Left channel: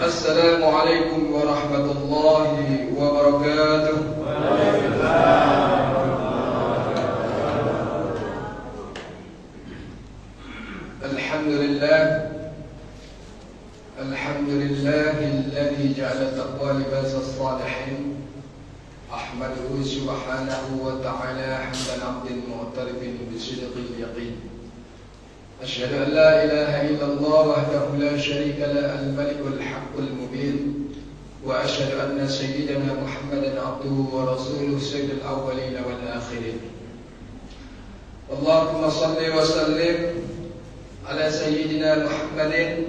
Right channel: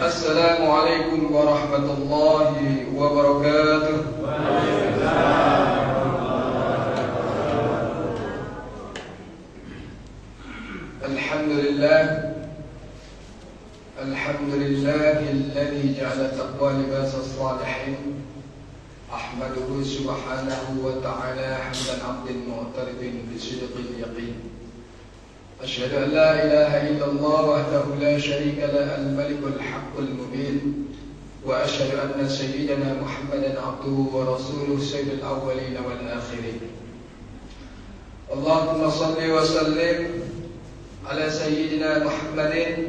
Assalamualaikum warahmatullahi wabarakatuh. Alhamdulillahilladzi ja'ala taqwa libasas salihin. Ahmaduhu subhanahu wa ta'ala hamdan 'abdin mu'tarifin bi sidqil yaqin. أشهد أن لا إله إلا الله وحده لا شريك له الملك الحق المبين وأشهد أن سيدنا محمدا عبده ورسوله سيد الأولين والآخرين اللهم صل وسلم على سيدنا محمد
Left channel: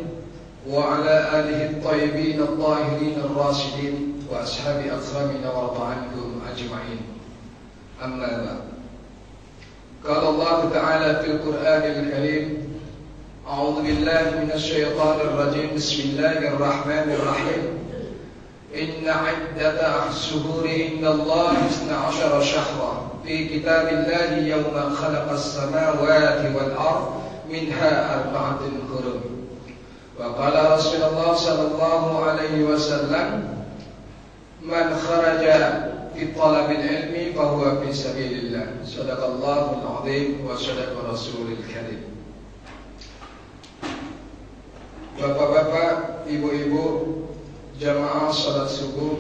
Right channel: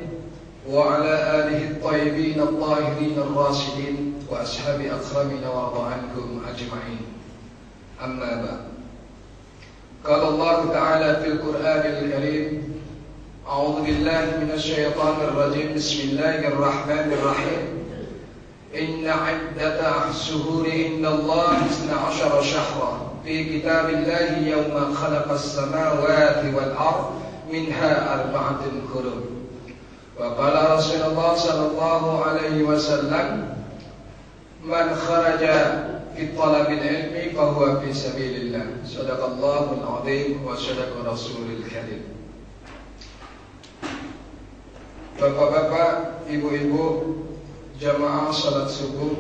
وعلى آله الطيبين الطاهرين الراشدين وأصحاب أكرمنا وارض عنكم أجمعين أما بعد قال الله تعالى في القرآن الكريم أعوذ بالله من الشيطان الرجيم بسم الله الرحمن الرحيم إن عدة الشهور عند الله 12 شهرا في كتاب الله يوم خلق السماوات والأرض منها 4 حرم وقال رسول الله صلى الله عليه وسلم من خرج في طلب العلم فهو في سبيل الله صدق الله العظيم وصدق رسوله الكريم. Bapak-bapak, ibu-ibu, jamaah salat subuh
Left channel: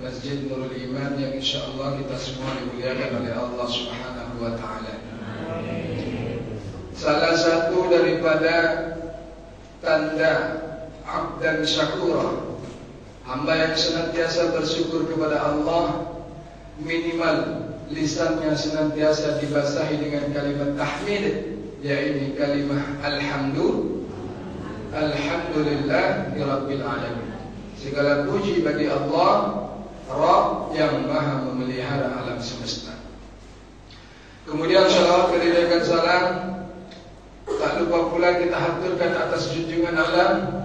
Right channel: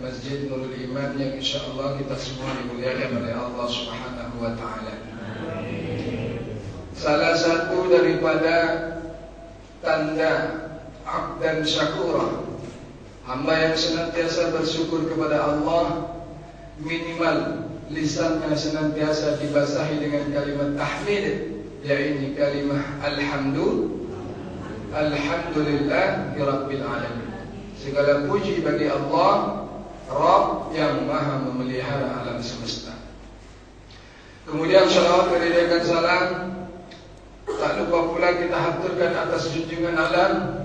Masjid Nurul Iman yang insyaallah kita semua dimuliakan oleh Allah Subhanahu wa taala. Salah satu daripada tanda abdan syakura, hamba yang senantiasa bersyukur kepada Allah, minimal lisannya senantiasa dibasahi dengan kalimat tahmid, yaitu kalimat Alhamdulillah Rabbil Alamin. Segala puji bagi Allah, Rabb yang maha memelihara alam semesta. Kemudian salawat dan salam tak lupa pula kita haturkan atas junjungan alam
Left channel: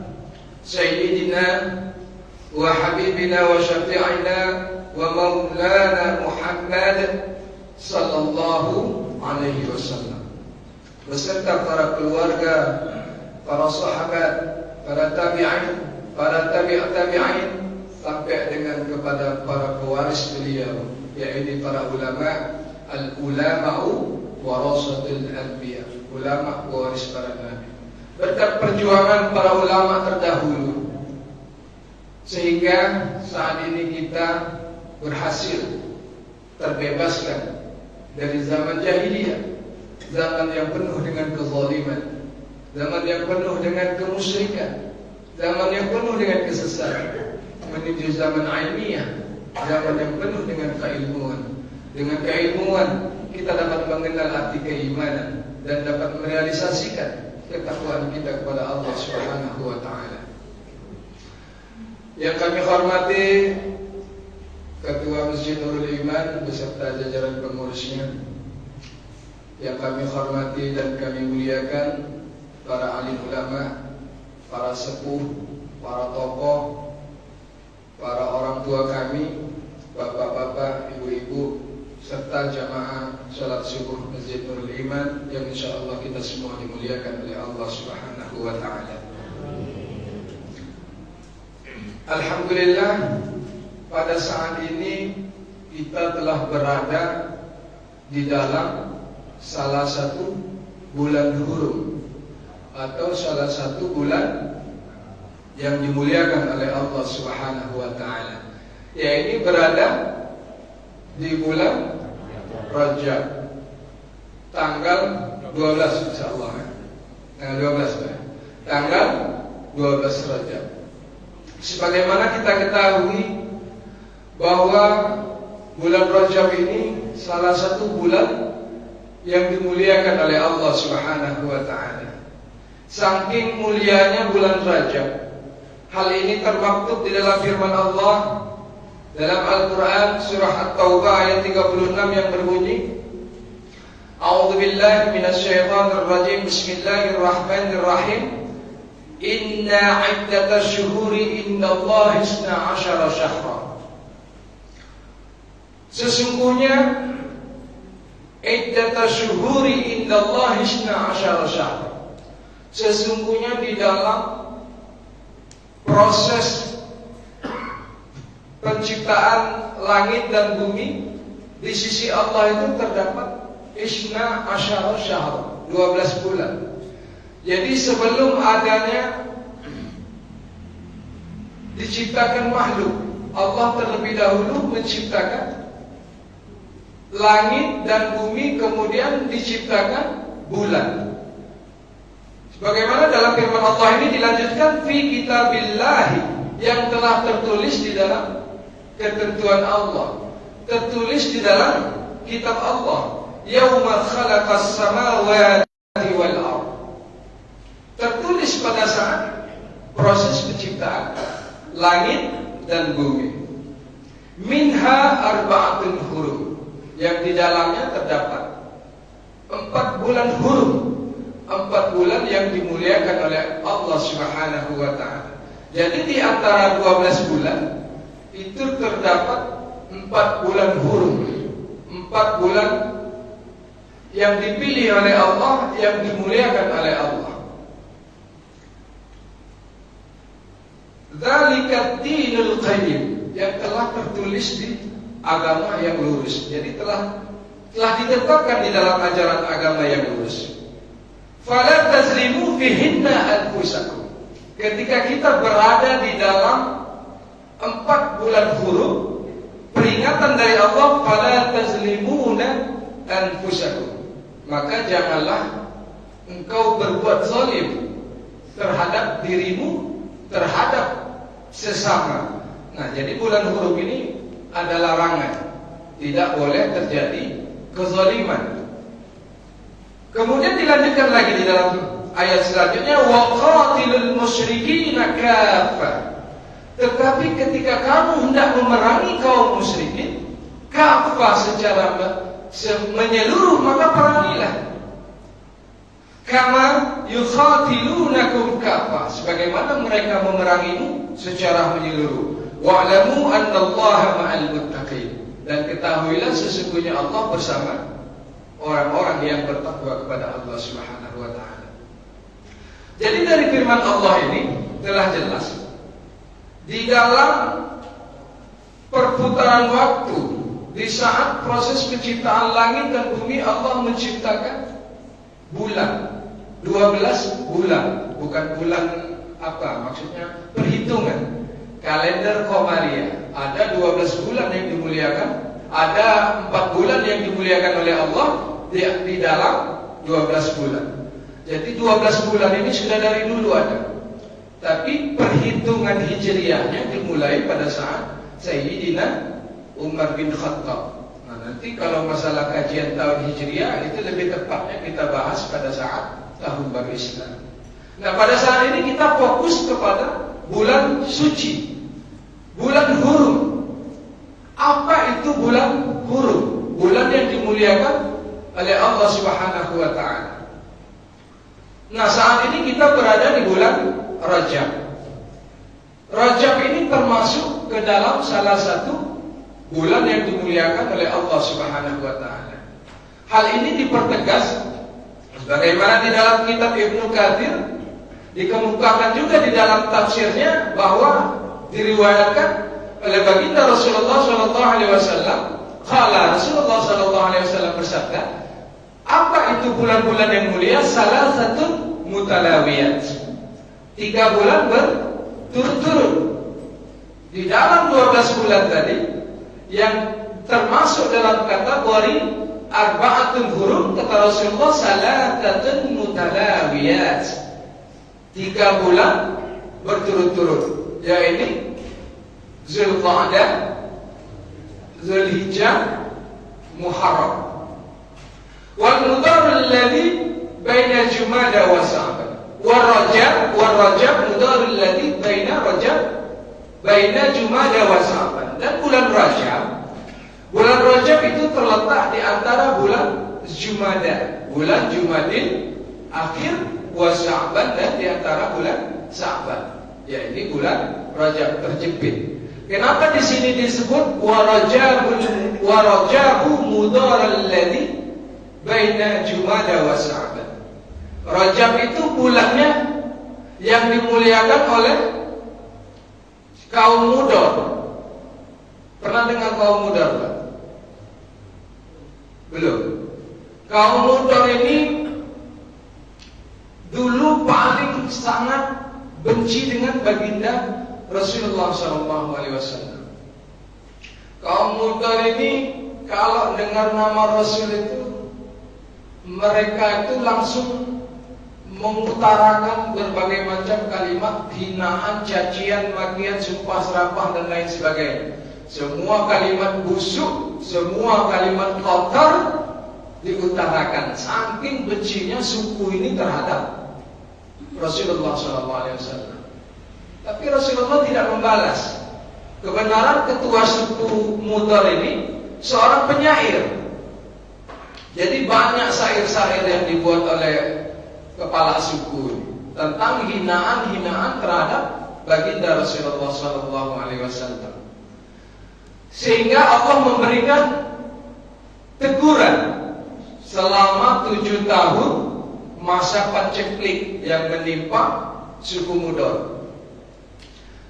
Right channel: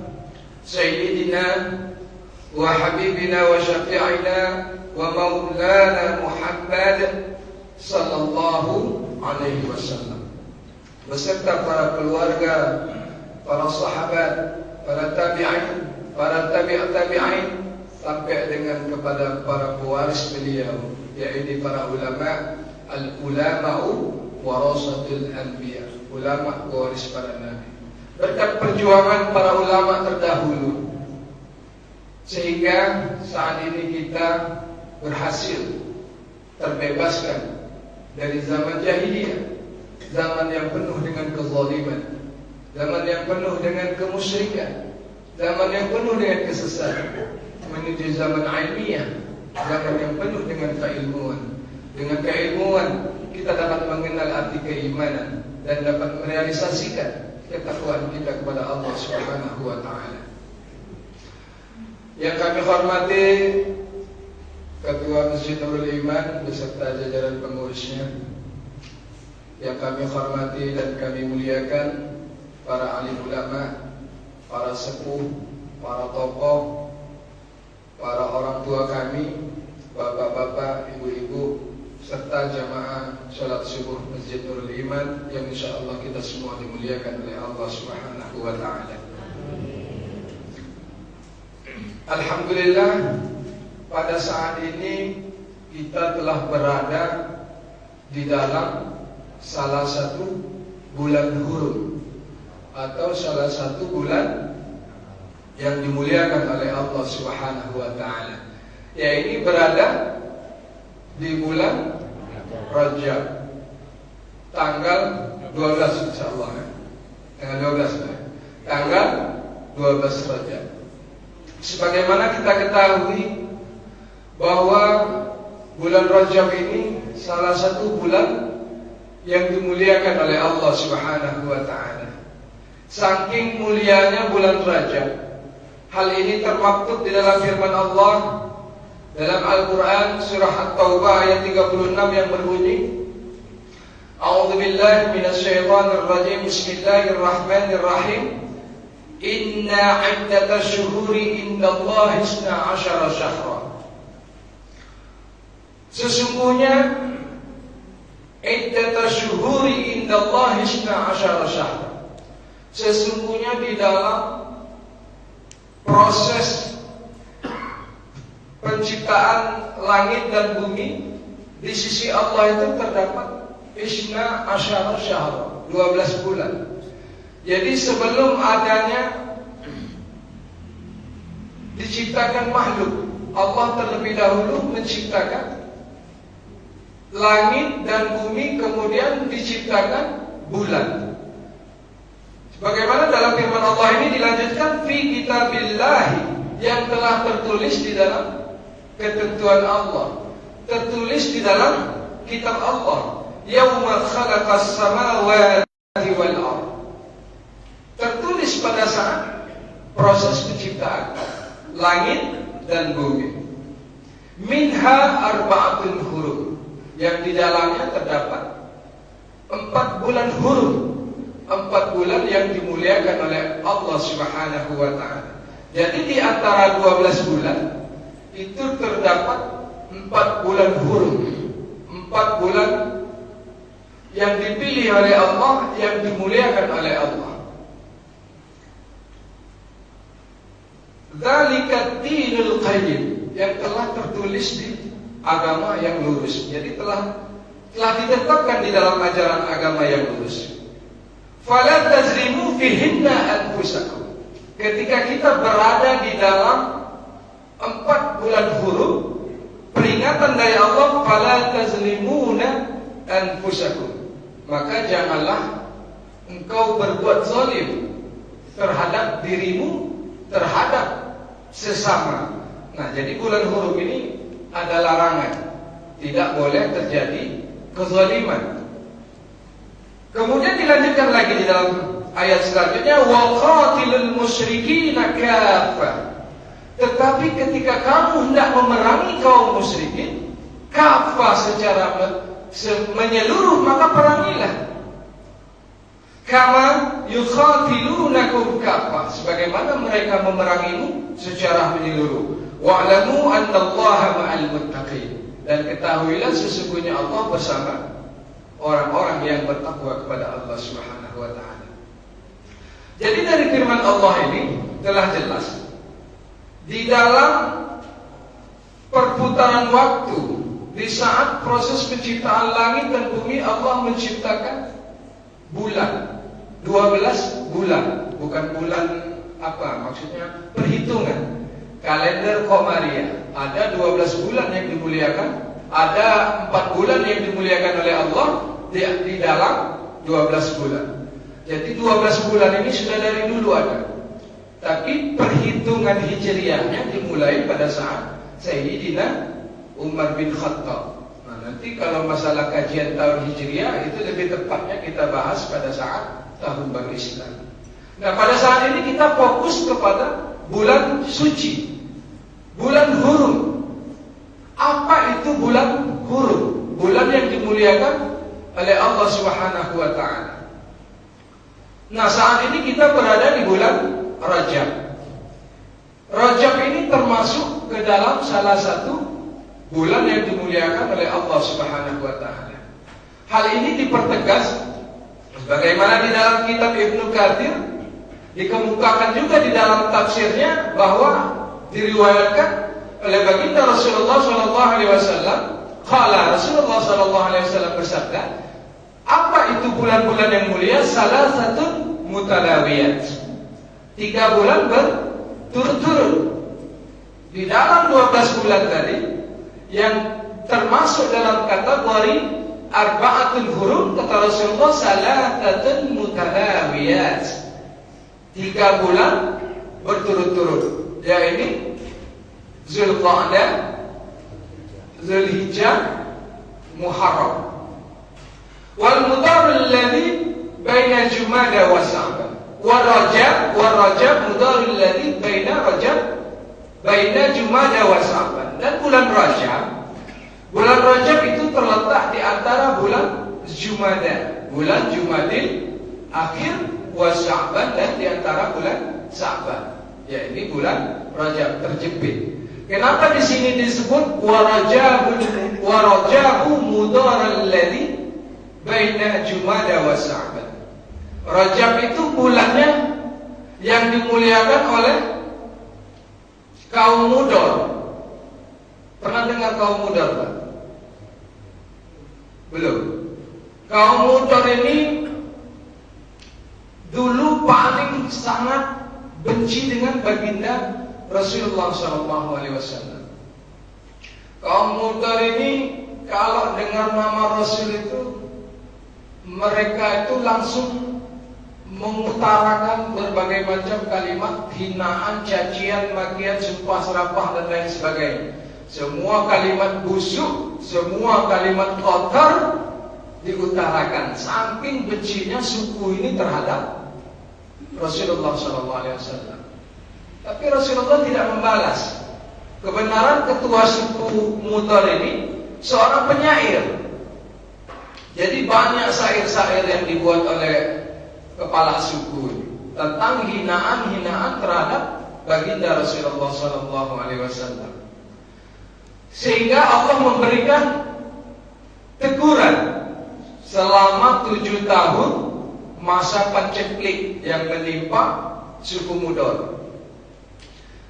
Sayyidina wa Habibina wa Syafi'ina wa Maulana Muhammad sallallahu alaihi wasallam beserta para keluarga, para sahabat, para tabi'in, para tabi'in sampai dengan kepada para pewaris beliau, yaitu para ulama, al-ulama'u warasatul anbiya, ulama pewaris para nabi. Berkat perjuangan para ulama terdahulu sehingga saat ini kita berhasil terbebaskan dari zaman jahiliyah, zaman yang penuh dengan kezaliman, zaman yang penuh dengan kemusyrikan, zaman yang penuh dengan kesesatan, menuju zaman ilmiah, zaman yang penuh dengan keilmuan. Dengan keilmuan kita dapat mengenal arti keimanan dan dapat merealisasikan ketakwaan kita kepada Allah Subhanahu wa taala. Yang kami hormati Ketua Masjid Nurul Iman beserta jajaran pengurusnya, yang kami hormati dan kami muliakan para alim ulama, para sepuh, para tokoh, para orang tua kami, bapak-bapak, ibu-ibu, serta jamaah salat subuh Masjid Nurul Iman yang insyaallah kita semua dimuliakan oleh Allah Subhanahu wa taala. Alhamdulillah, pada saat ini kita telah berada di dalam salah satu bulan hurum atau salah satu bulan yang dimuliakan oleh Allah Subhanahu wa taala. Yaitu berada di bulan Rajab tanggal 12 insyaallah. Tanggal 12 Rajab. Sebagaimana kita ketahui bahwa bulan Rajab ini salah satu bulan yang dimuliakan oleh Allah Subhanahu wa taala. Saking mulianya bulan Rajab, hal ini termaktub di dalam firman Allah dalam Al-Quran surah At-Taubah ayat 36 yang berbunyi, A'udzu billahi minasyaitonir rajim. Bismillahirrahmanirrahim. Inna 'iddatasy syuhuri indallahi 12 syahra. Sesungguhnya iddatasy syuhuri indallahi 12 syahra. Sesungguhnya di dalam proses penciptaan langit dan bumi di sisi Allah itu terdapat Isna Asyara Syahr, 12 bulan. Jadi sebelum adanya diciptakan makhluk, Allah terlebih dahulu menciptakan langit dan bumi, kemudian diciptakan bulan. Sebagaimana dalam firman Allah ini dilanjutkan fi kitabillahi, yang telah tertulis di dalam ketentuan Allah, tertulis di dalam kitab Allah. Yauma khalaqas samawati wal ardh, tertulis pada saat proses penciptaan langit dan bumi. Minha arba'atun hurum, yang di dalamnya terdapat 4 bulan hurum, 4 bulan yang dimuliakan oleh Allah Subhanahu wa ta'ala. Jadi di antara 12 bulan itu terdapat 4 bulan hurum, 4 bulan yang dipilih oleh Allah, yang dimuliakan oleh Allah. Dzalika dinul qayyim, yang telah tertulis di agama yang lurus. Jadi telah ditetapkan di dalam ajaran agama yang lurus. Fala tazlimu fihinna anfusakum. Ketika kita berada di dalam 4 bulan hurum, peringatan dari Allah, fala tazlimuna anfusakum, maka janganlah engkau berbuat zalim terhadap dirimu, terhadap sesama. Nah, jadi bulan hurum ini ada larangan, tidak boleh terjadi kezaliman. Kemudian dilanjutkan lagi di dalam ayat selanjutnya, wa qatilul musyrikina kaffah. Tetapi ketika kamu hendak memerangi kaum musyrikin kaffah, secara menyeluruh, maka perangilah. Kama yuqatilunakum kaffah, sebagaimana mereka memerangimu secara menyeluruh. Wa'lamu annallaha ma'al muttaqin, dan ketahuilah sesungguhnya Allah bersama orang-orang yang bertakwa kepada Allah Subhanahu wa ta'ala. Jadi dari firman Allah ini telah jelas, di dalam perputaran waktu, di saat proses penciptaan langit dan bumi, Allah menciptakan bulan, 12 bulan. Bukan bulan apa, maksudnya perhitungan kalender Qomariyah. Ada 12 bulan yang dimuliakan, ada 4 bulan yang dimuliakan oleh Allah di dalam 12 bulan. Jadi 12 bulan ini sudah dari dulu ada. Tapi perhitungan hijriahnya dimulai pada saat Sayyidina Umar bin Khattab. Nah, nanti kalau masalah kajian tahun hijriah itu lebih tepatnya kita bahas pada saat tahun baru Islam. Nah, pada saat ini kita fokus kepada bulan suci, bulan hurum. Apa itu bulan hurum? Bulan yang dimuliakan oleh Allah Subhanahu wa ta'ala. Nah, saat ini kita berada di bulan Rajab. Rajab ini termasuk ke dalam salah satu bulan yang dimuliakan oleh Allah Subhanahu wa ta'ala. Hal ini dipertegas bagaimana di dalam kitab Ibnu Katsir, dikemukakan juga di dalam tafsirnya, bahwa diriwayatkan oleh baginda Rasulullah sallallahu alaihi wasallam, qala Rasulullah sallallahu alaihi wasallam bersabda, apa itu bulan-bulan yang mulia? Salah satu mutalawiyat, 3 bulan berturut-turut. Di dalam 12 bulan tadi, yang termasuk dalam kategori arba'atul hurum, kata Rasulullah, salatun mutalawiyat, 3 bulan berturut-turut, yaitu Zulqa'dah, Zulhijjah, Muharram. Wal mudar alladhi baina Jumada wa Sya'ban. Wal Rajab mudar alladhi baina Jumada wa Sya'ban. Dan bulan Rajab itu terletak di antara bulan Jumada, bulan Jumadil akhir, wa Sya'ban, dan di antara bulan Sya'ban. Ya, ini bulan Rajab terjepit. Kenapa di sini disebut warajabu mudar alladhi baina Jumada wa Sya'ban? Rajab itu bulannya yang dimuliakan oleh Kaum Mudar. Pernah dengar kaum Mudar? Belum. Kaum Mudar ini dulu paling sangat benci dengan baginda Rasulullah SAW. Kaum Mudar ini kalau dengar nama Rasul itu, mereka itu langsung mengutarakan berbagai macam kalimat hinaan, cacian, makian, sumpah serapah dan lain sebagainya. Semua kalimat busuk, semua kalimat kotor diutarakan. Saking bencinya suku ini terhadap Rasulullah SAW. Tapi Rasulullah tidak membalas. Kebenaran ketua suku Mudar ini seorang penyair. Jadi banyak syair-syair yang dibuat oleh kepala suku tentang hinaan-hinaan terhadap baginda Rasulullah SAW. Sehingga Allah memberikan teguran selama 7 tahun masa paceklik yang menimpa suku Mudar.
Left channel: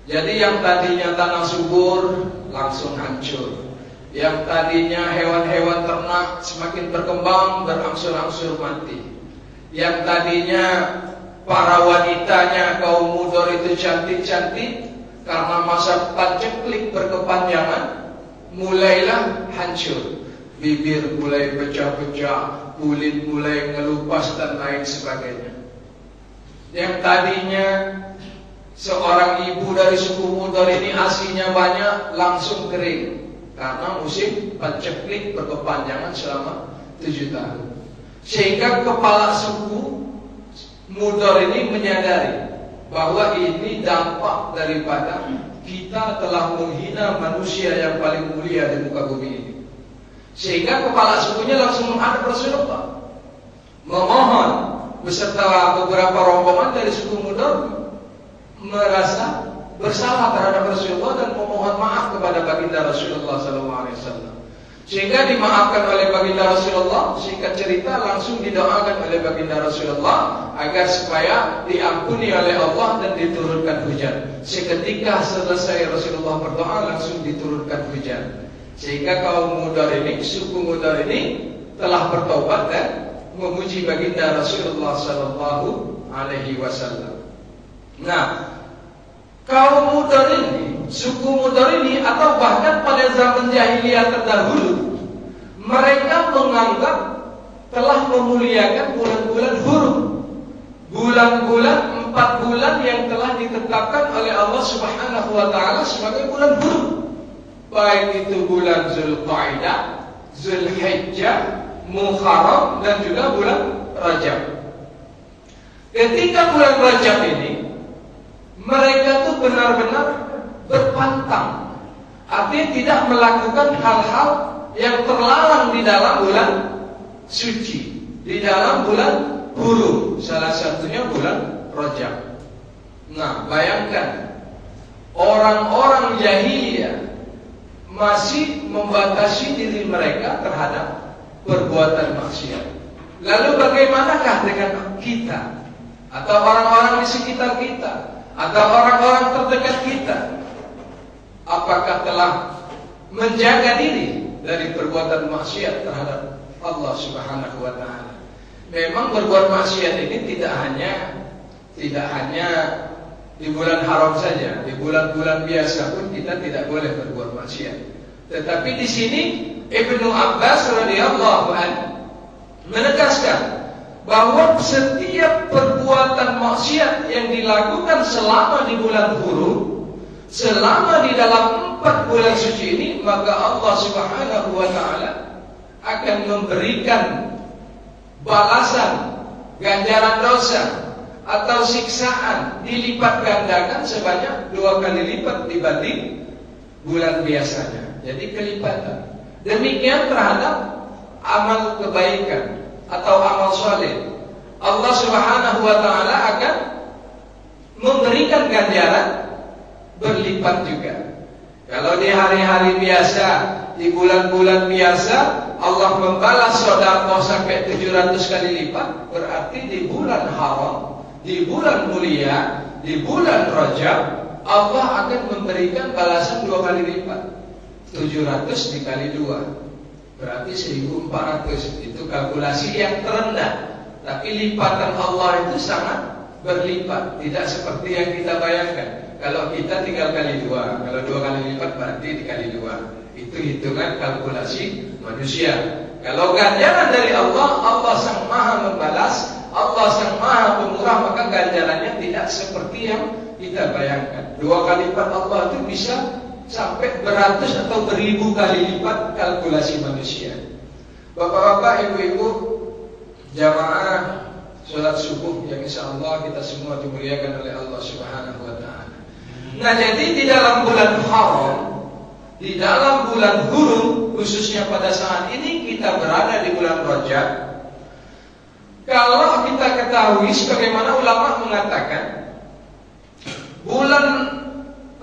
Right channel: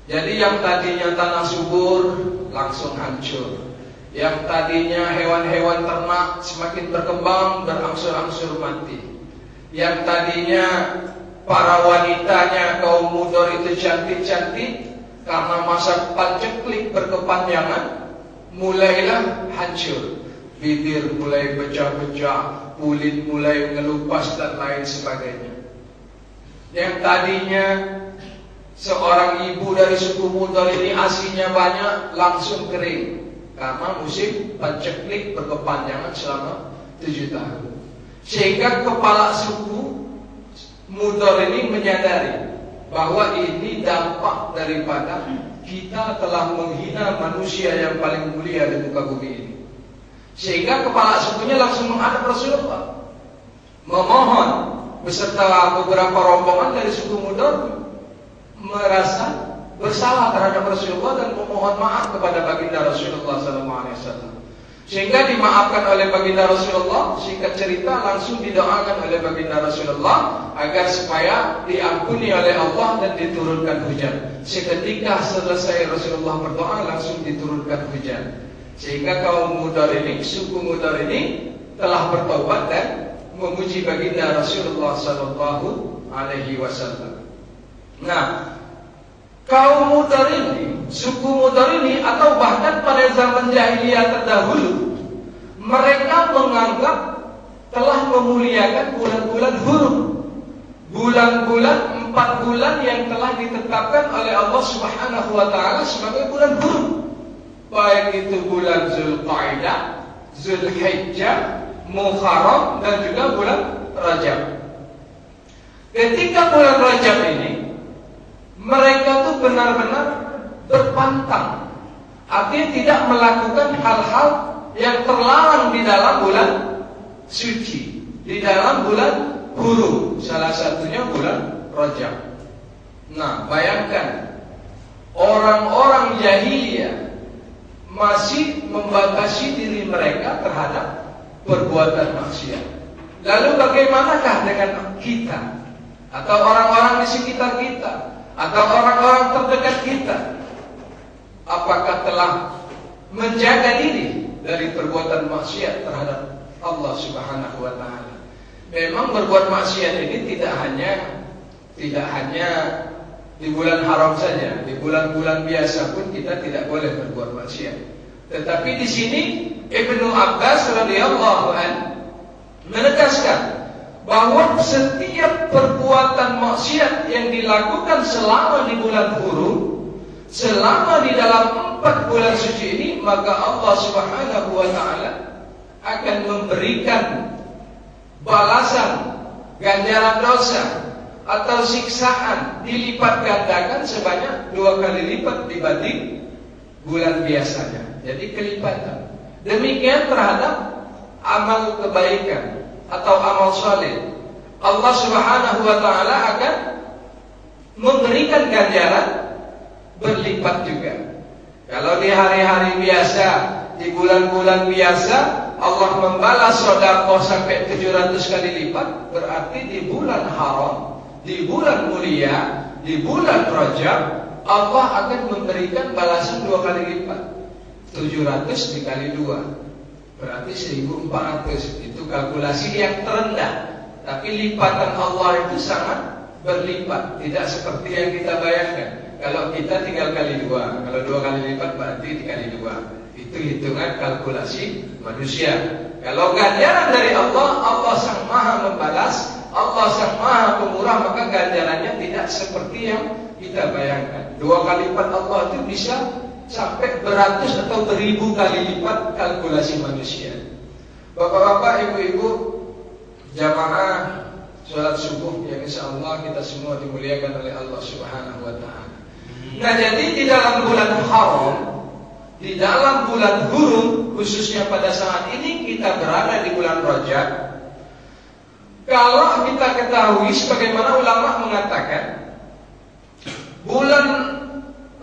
Jadi yang tadinya tanah subur langsung hancur. Yang tadinya hewan-hewan ternak semakin berkembang berangsur-angsur mati. Yang tadinya para wanitanya kaum Mudar itu cantik-cantik, karena masa paceklik berkepanjangan mulailah hancur. Bibir mulai pecah-pecah, kulit mulai ngelupas dan lain sebagainya. Yang tadinya seorang ibu dari suku Mudar ini asinya banyak, langsung kering karena musim paceklik berkepanjangan selama 7 tahun. Sehingga kepala suku Mudar ini menyadari bahwa ini dampak daripada kita telah menghina manusia yang paling mulia di muka bumi ini. Sehingga kepala sukunya langsung menghadap Rasulullah, memohon beserta beberapa rombongan dari suku Mudar merasa bersalah terhadap Rasulullah dan memohon maaf kepada baginda Rasulullah SAW. Sehingga dimaafkan oleh baginda Rasulullah. Singkat cerita langsung didoakan oleh baginda Rasulullah agar supaya diampuni oleh Allah dan diturunkan hujan. Seketika selesai Rasulullah berdoa langsung diturunkan hujan. Sehingga kaum Mudar ini, suku Mudar ini telah bertobat dan memuji baginda Rasulullah SAW. Nah, kaum Mudar ini, suku Mudar ini, atau bahkan pada zaman jahiliyah terdahulu, mereka menganggap telah memuliakan bulan-bulan hurum, bulan-bulan 4 bulan yang telah ditetapkan oleh Allah Subhanahu wa Ta'ala sebagai bulan hurum, baik itu bulan Zulqa'dah, Zulhijjah, Muharram dan juga bulan Rajab. Ketika bulan Rajab ini, mereka tuh benar-benar berpantang, artinya tidak melakukan hal-hal yang terlarang di dalam bulan suci, di dalam bulan hurum, salah satunya bulan Rajab. Nah, bayangkan orang-orang jahiliyah masih membatasi diri mereka terhadap perbuatan maksiat. Lalu bagaimanakah dengan kita atau orang-orang di sekitar kita atau orang-orang terdekat kita? Apakah telah menjaga diri dari perbuatan maksiat terhadap Allah Subhanahu wa Ta'ala? Memang berbuat maksiat ini tidak hanya di bulan haram saja, di bulan-bulan biasa pun kita tidak boleh berbuat maksiat. Tetapi di sini Ibnu Abbas radhiyallahu anhu menegaskan bahwa setiap perbuatan maksiat yang dilakukan selama di bulan hurum, selama di dalam 4 bulan suci ini, maka Allah Subhanahu wa Ta'ala akan memberikan balasan ganjaran dosa atau siksaan dilipat gandakan sebanyak 2 kali lipat dibanding bulan biasanya. Jadi kelipatan. Demikian terhadap amal kebaikan atau amal soleh, Allah Subhanahu wa Ta'ala akan memberikan ganjaran berlipat juga. Kalau di hari-hari biasa, di bulan-bulan biasa, Allah membalas sedekah sampai 700 kali lipat, berarti di bulan haram, di bulan mulia, di bulan Rajab, Allah akan memberikan balasan 2 kali lipat. 700 dikali 2 berarti 1400. Itu kalkulasi yang terendah. Tapi lipatan Allah itu sangat berlipat, tidak seperti yang kita bayangkan. Kalau kita tinggal kali 2, kalau 2 kali lipat berarti dikali 2. Itu hitungan kalkulasi manusia. Kalau ganjaran dari Allah, Allah sang maha membalas, Allah sang maha pemurah, maka ganjarannya tidak seperti yang kita bayangkan. 2 kali lipat Allah itu bisa sampai beratus atau beribu kali lipat kalkulasi manusia. Bapak-bapak, ibu-ibu, jamaah sholat subuh yang insyaallah kita semua dimuliakan oleh Allah Subhanahu wa ta'ala. Nah, jadi di dalam bulan haram, di dalam bulan hurum, khususnya pada saat ini kita berada di bulan Rajab. Kalau kita ketahui, sebagaimana ulama mengatakan, bulan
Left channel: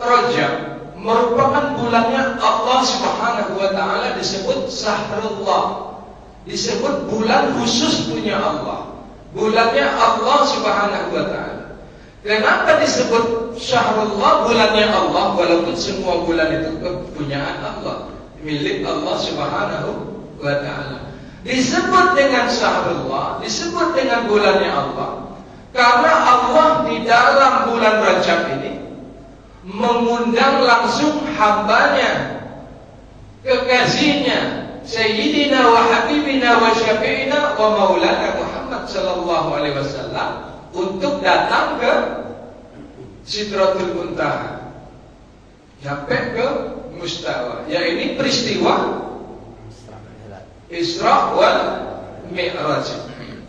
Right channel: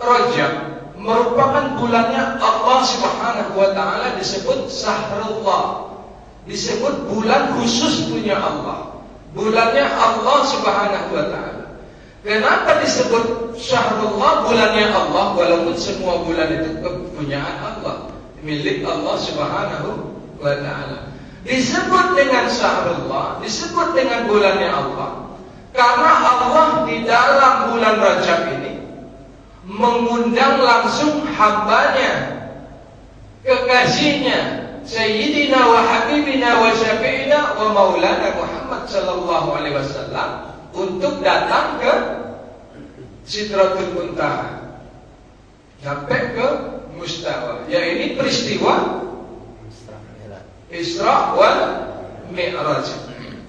Rajab merupakan bulannya Allah Subhanahu wa ta'ala, disebut Syahrullah, disebut bulan khusus punya Allah, bulannya Allah Subhanahu wa ta'ala. Kenapa disebut Syahrullah, bulannya Allah, walaupun semua bulan itu kepunyaan Allah, milik Allah Subhanahu wa ta'ala. Disebut dengan Syahrullah, disebut dengan bulannya Allah, karena Allah di dalam bulan Rajab ini mengundang langsung hambanya, kekasihnya, Sayyidina wa Habibina wa Syafi'ina wa Maulana Muhammad sallallahu alaihi wasallam untuk datang ke Sidratul Muntaha, sampai ke Mustawa. Ya, ini peristiwa Isra wal Mi'raj.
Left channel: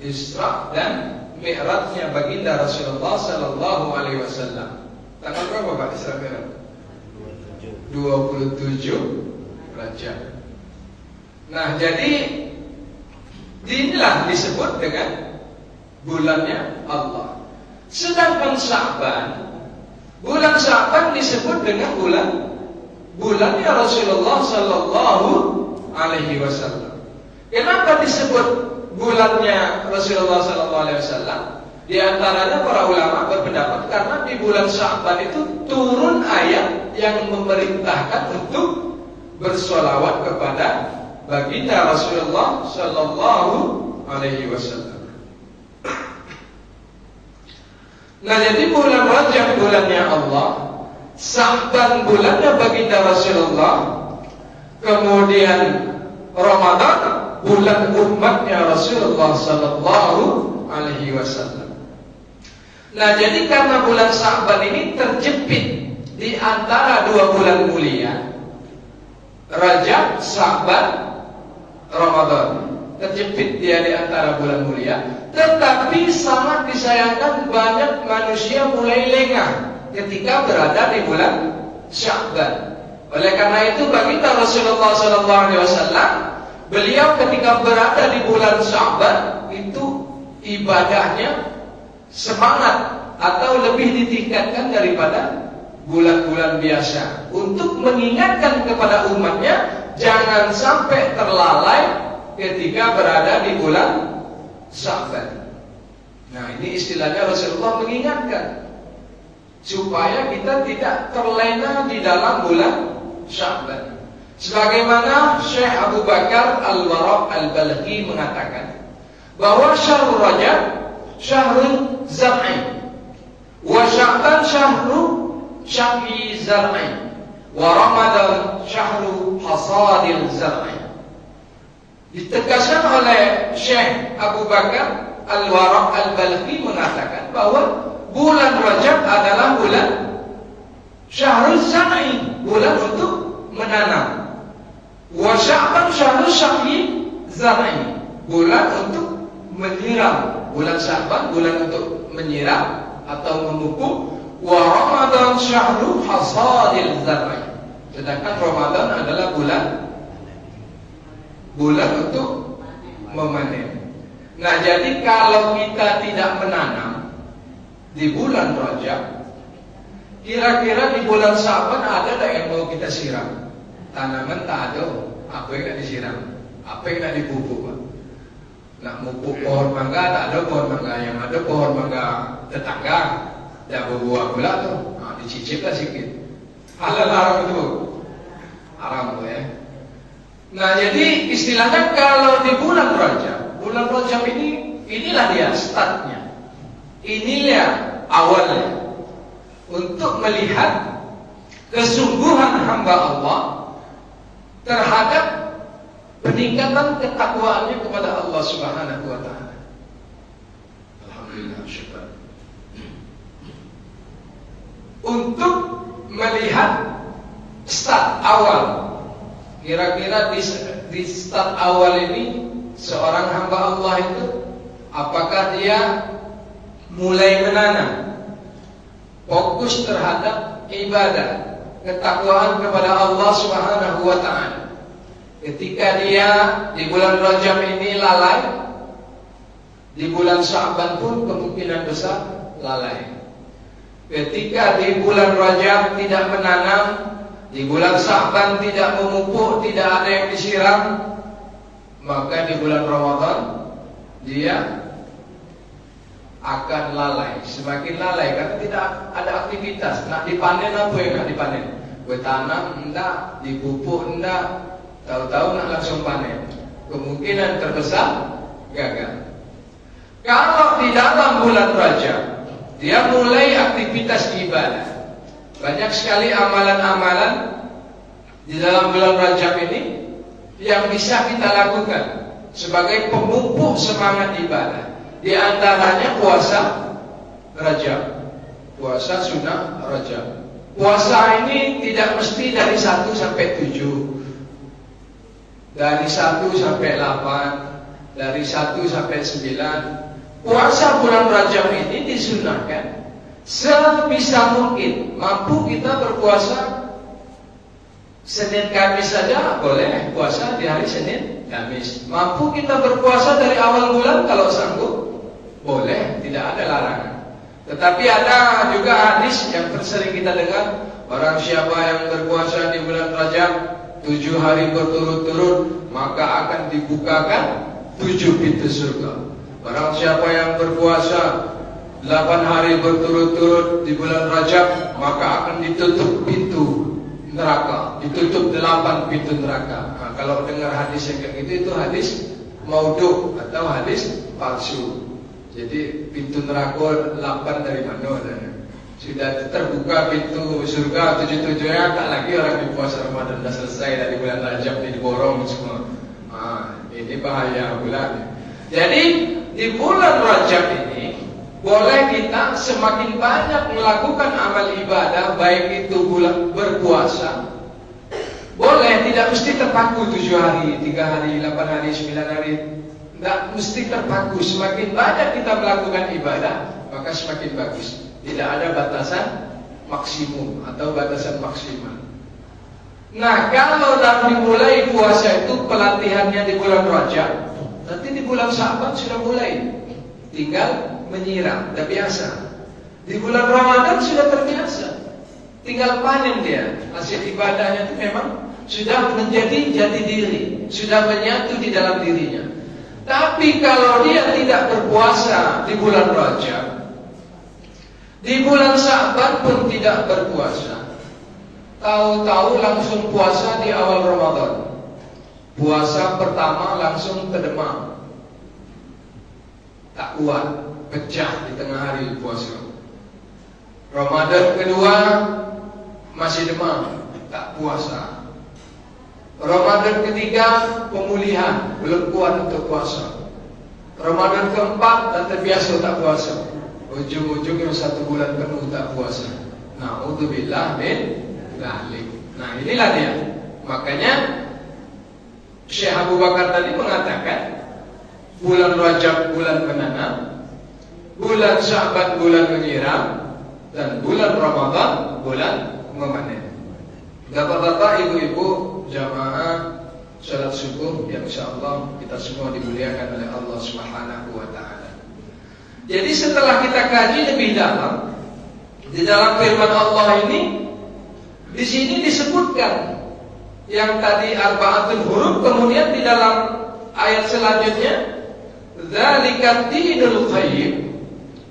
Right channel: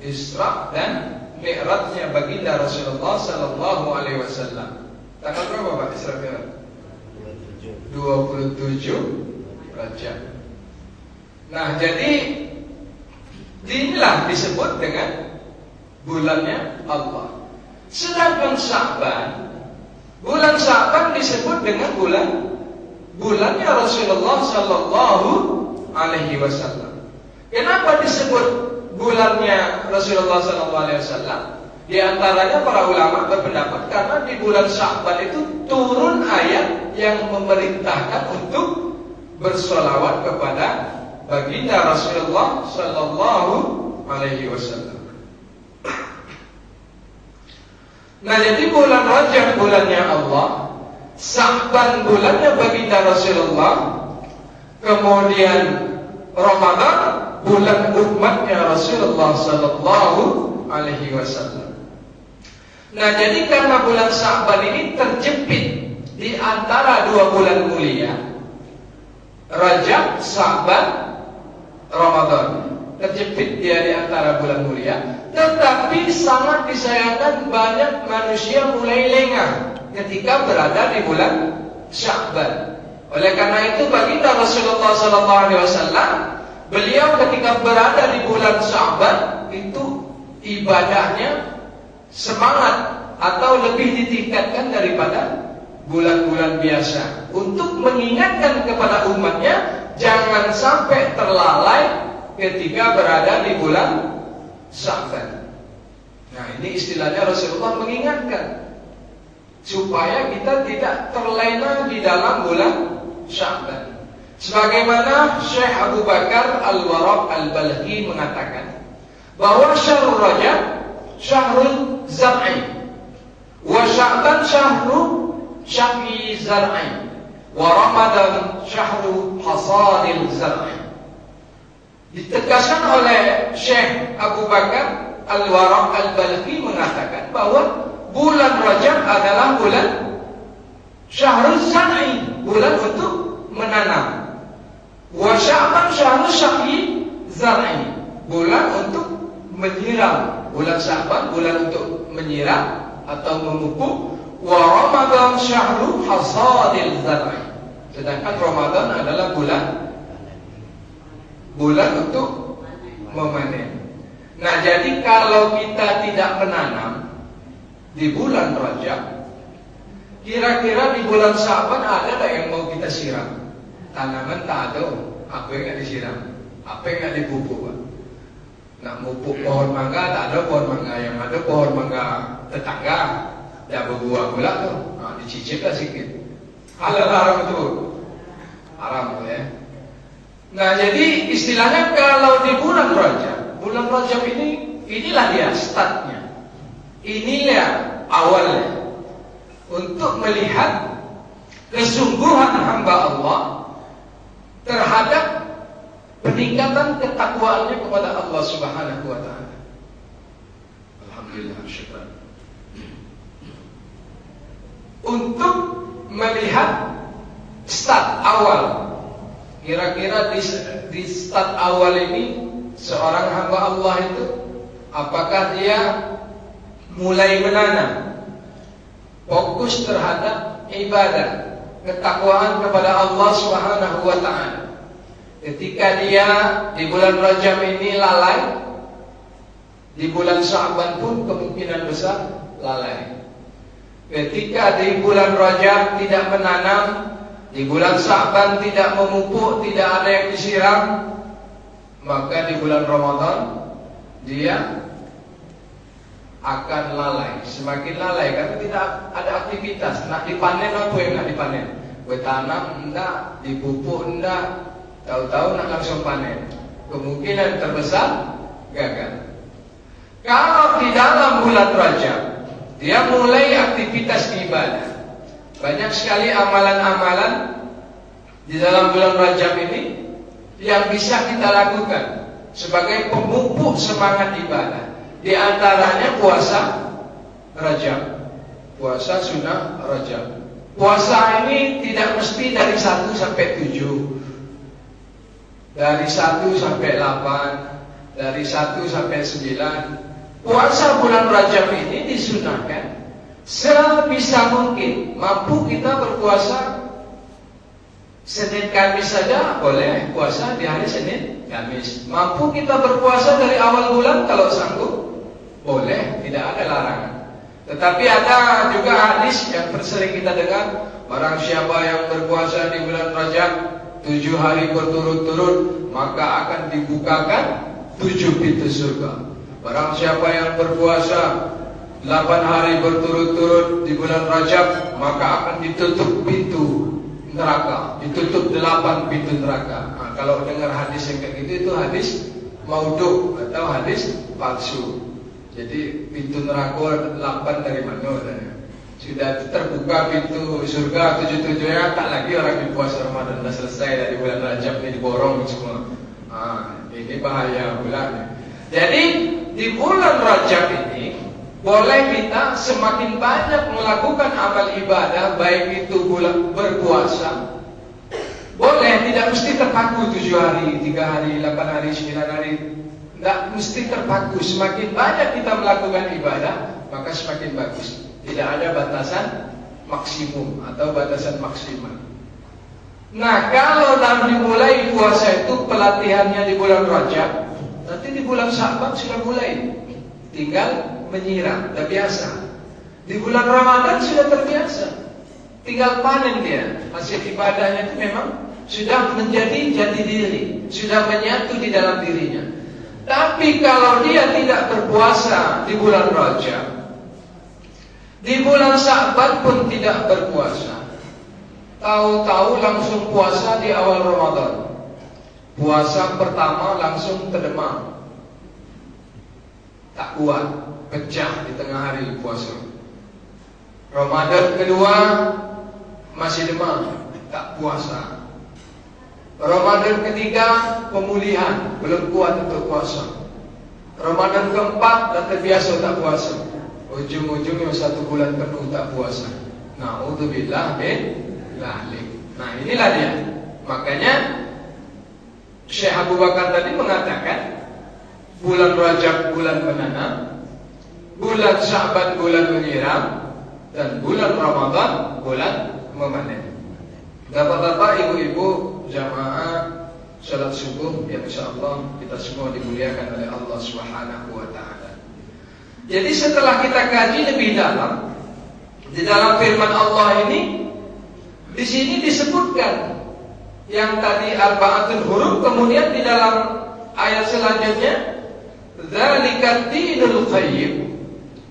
Isra dan Mi'rajnya baginda Rasulullah sallallahu alaihi wasallam. Tanggal berapa Pak Isra Mi'raj? 27 Rajab. Nah, jadi inilah disebut dengan bulannya Allah. Sedangkan Sya'ban, bulan Sya'ban disebut dengan bulannya Rasulullah sallallahu alaihi wasallam. Kenapa disebut bulannya Rasulullah sallallahu alaihi wasallam? Di antaranya para ulama berpendapat karena di bulan Sya'ban itu turun ayat yang memerintahkan untuk bersolawat kepada baginda Rasulullah sallallahu alaihi wasallam. Nah, jadi bulan Rajab bulannya Allah, Sya'ban bulannya baginda Rasulullah, kemudian Ramadan bulan umatnya Rasulullah sallallahu alaihi wasallam. Nah, jadi karena bulan Sya'ban ini terjepit di antara 2 bulan mulia, Rajab, Sya'ban, Ramadan, terjepit dia di antara bulan mulia. Tetapi sangat disayangkan banyak manusia mulai lengah ketika berada di bulan Sya'ban. Oleh karena itu baginda Rasulullah SAW, beliau ketika berada di bulan Sya'ban itu ibadahnya semangat atau lebih ditingkatkan daripada bulan-bulan biasa, untuk mengingatkan kepada umatnya jangan sampai terlalai ketika berada di bulan Sya'ban. Nah, ini istilahnya Rasulullah mengingatkan supaya kita tidak terlena di dalam bulan Sya'ban. Sebagaimana Syekh Abu Bakar Al-Waraq Al-Balkhi mengatakan bahwa Syahrul Rajab Syahrul Zar'i, wa Sya'ban Syahrul Syaqi Zar'i, wa Ramadan Syahrul Hasadil Zar'i. Ditegaskan oleh Syekh Abu Bakar Al-Waraq Al-Balkhi mengatakan bahwa bulan Rajab adalah bulan Syahrul Zar'i, bulan untuk menanam. Wa Sya'ban Syahrul Syaqi Zar'i, bulan untuk menyiram. Bulan Sya'ban bulan untuk menyiram atau memupuk. Wa Ramadan Syahrul Hasadil Zar'i, sedangkan Ramadan adalah bulan untuk memanen. Nah, jadi kalau kita tidak menanam di bulan Rajab, kira-kira di bulan Sya'ban ada tak yang mau kita siram? Tanaman tak ada, apa yang tak disiram, apa yang tak dipupuk, Pak? Nak pupuk pohon mangga tak ada pohon mangga, yang ada pohon mangga tetangga. dan berbuah pula tuh. Dicicip lah sikit. Halal haram itu haram ya. Nah jadi istilahnya kalau di bulan Rajab inilah dia startnya, inilah awalnya untuk melihat kesungguhan hamba Allah terhadap peningkatan ketakwaannya kepada Allah Subhanahu wa taala. Alhamdulillah syukur. Untuk melihat start awal, kira-kira di start awal ini seorang hamba Allah itu apakah dia mulai menanam fokus terhadap ibadah, ketakwaan kepada Allah Subhanahu wa taala. Ketika dia di bulan Rajab ini lalai, di bulan Sya'ban pun kemungkinan besar lalai. Ketika di bulan Rajab tidak menanam, di bulan Sya'ban tidak memupuk, tidak ada yang disiram, maka di bulan Ramadan dia akan lalai, semakin lalai karena tidak ada aktivitas. Nak dipanen apa yang nak dipanen? Bertanam enggak, dipupuk enggak, tahu-tahu nak langsung panen. Kemungkinan terbesar gagal. Kalau di dalam bulan Rajab dia mulai aktivitas ibadah, banyak sekali amalan-amalan di dalam bulan Rajab ini yang bisa kita lakukan sebagai pemupuk semangat ibadah. Di antaranya puasa Rajab, puasa sunnah Rajab. Puasa ini tidak mesti dari 1 sampai 7, dari 1 sampai 8, dari 1 sampai 9. Puasa bulan Rajab ini disunahkan sebisa mungkin. Mampu kita berpuasa Senin Kamis saja boleh puasa di hari Senin Kamis. Mampu kita berpuasa dari awal bulan kalau sanggup boleh, tidak ada larangan. Tetapi ada juga hadis yang sering kita dengar, barang siapa yang berpuasa di bulan Rajab 7 hari berturut-turut maka akan dibukakan 7 pintu surga. Barang siapa yang berpuasa 8 hari berturut-turut di bulan Rajab maka akan ditutup pintu neraka, ditutup 8 pintu neraka. Nah, kalau dengar hadis yang kayak gitu itu hadis maudhu atau hadis palsu. Jadi pintu neraka 8 dari mana? Sudah terbuka pintu surga 7-7-nya, tak lagi orang di puasa Ramadan sudah selesai dari bulan Rajab ini diborong semua. Ini bahaya bulan. Jadi di bulan Rajab ini boleh kita semakin banyak melakukan amal ibadah, baik itu bulan berpuasa. Boleh, tidak mesti terpaku 7 hari, 3 hari, 8 hari, 9 hari. Tidak mesti terpaku. Semakin banyak kita melakukan ibadah, maka semakin bagus. Tidak ada batasan maksimum atau batasan maksimal. Nah, kalau dimulai puasa itu pelatihannya di bulan Rajab, nanti di bulan Sya'ban sudah mulai, tinggal menyiram, sudah biasa. Di bulan Ramadan sudah terbiasa, tinggal panen dia. Hasil ibadahnya itu memang sudah menjadi jati diri, sudah menyatu di dalam dirinya. Tapi kalau dia tidak berpuasa di bulan Rajab, di bulan Sya'ban pun tidak berpuasa, tahu-tahu langsung puasa di awal Ramadan. Puasa pertama langsung terdemam, tak kuat, pecah di tengah hari puasa. Ramadan kedua masih demam, tak puasa. Ramadan ketiga pemulihan, belum kuat untuk puasa. Ramadan keempat dah terbiasa tak puasa. Ujung-ujungnya 1 bulan penuh tak puasa. Na'udzubillah min dzalik. Nah, inilah dia. Makanya Syekh Abu Bakar tadi mengatakan bulan Rajab bulan menanam, bulan Sya'ban bulan menyiram, dan bulan Ramadan bulan memanen. Bapak-bapak, ibu-ibu, jamaah salat subuh yang insyaallah kita semua dimuliakan oleh Allah Subhanahu wa taala. Jadi setelah kita kaji lebih dalam di dalam firman Allah ini, di sini disebutkan yang tadi arba'atul huruf, kemudian di dalam ayat selanjutnya dzalika dinul qayyim,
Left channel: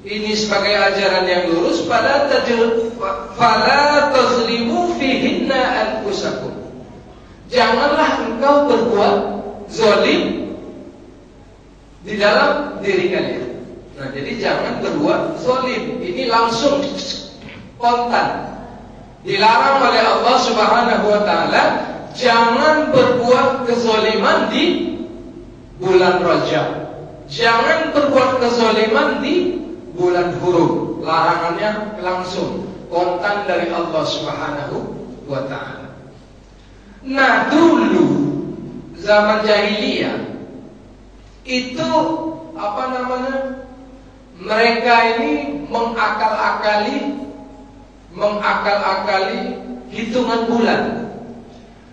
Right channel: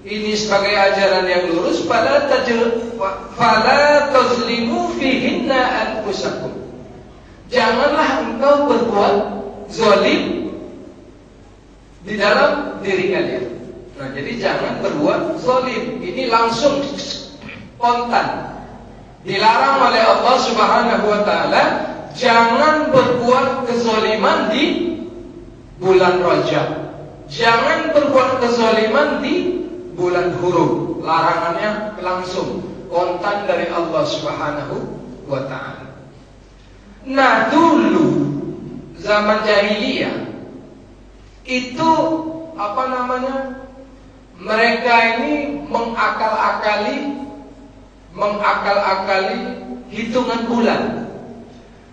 ini sebagai ajaran yang lurus, fala tazlimu fihinna anfusakum. Janganlah engkau berbuat zalim di dalam diri kalian. Nah, jadi jangan berbuat zalim. Ini langsung spontan. Dilarang oleh Allah Subhanahu wa taala, jangan berbuat kezaliman di bulan Rajab. Jangan berbuat kezaliman di bulan Hurum. Larangannya langsung spontan dari Allah Subhanahu wa taala. Nah, dulu zaman jahiliyah itu mereka ini mengakal-akali hitungan bulan.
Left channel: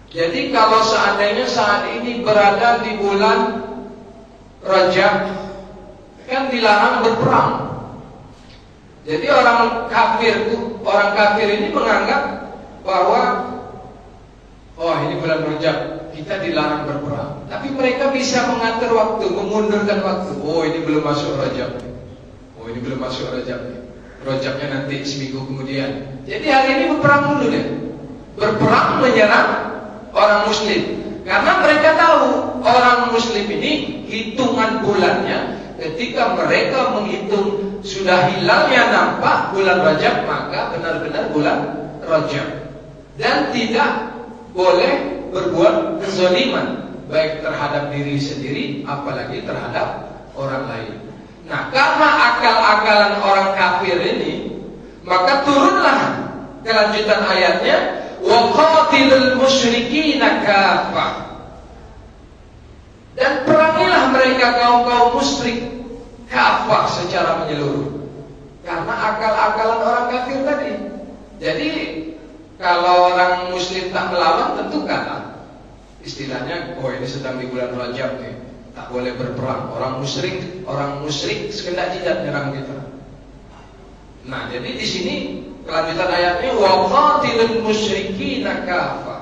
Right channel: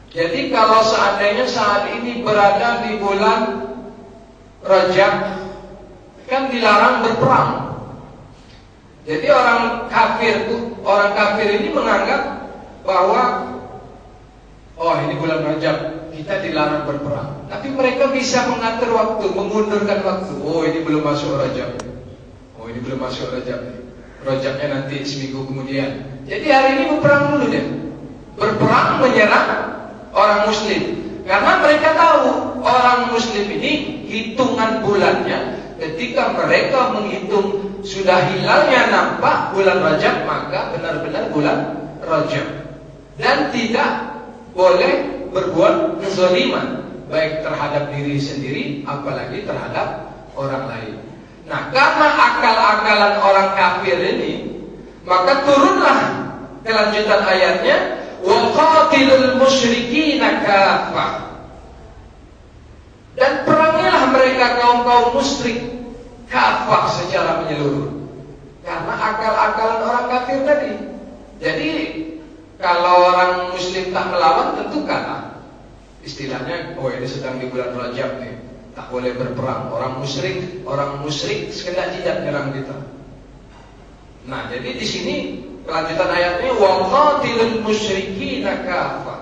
Jadi kalau seandainya saat ini berada di bulan Rajab, kan dilarang berperang. Jadi orang kafir ini menganggap bahwa ini bulan Rajab, kita dilarang berperang. Tapi mereka bisa mengatur waktu, memundurkan waktu. Ini belum masuk Rajab. Ini belum masuk Rajab. Rajabnya nanti seminggu kemudian. Jadi hari ini berperang dulu deh. Berperang menyerang orang Muslim. Karena mereka tahu orang Muslim ini hitungan bulannya, ketika mereka menghitung sudah hilalnya nampak bulan Rajab, maka benar-benar bulan Rajab. Dan tidak boleh berbuat kezaliman, baik terhadap diri sendiri apalagi terhadap orang lain. Nah, karena akal-akalan orang kafir ini, maka turunlah kelanjutan ayatnya, wa qatilul musyrikina kaffah. Dan perangilah mereka kaum musyrik kafah secara menyeluruh. Karena akal-akalan orang kafir tadi. Jadi kalau orang muslim tak melawan, tentu kalah. Istilahnya, ini sedang di bulan Rajab nih, tak boleh berperang. Orang musyrik sekedar tidak menyerang kita. Nah, jadi di sini kelanjutan ayatnya, wa qatilul musyrikina kafah.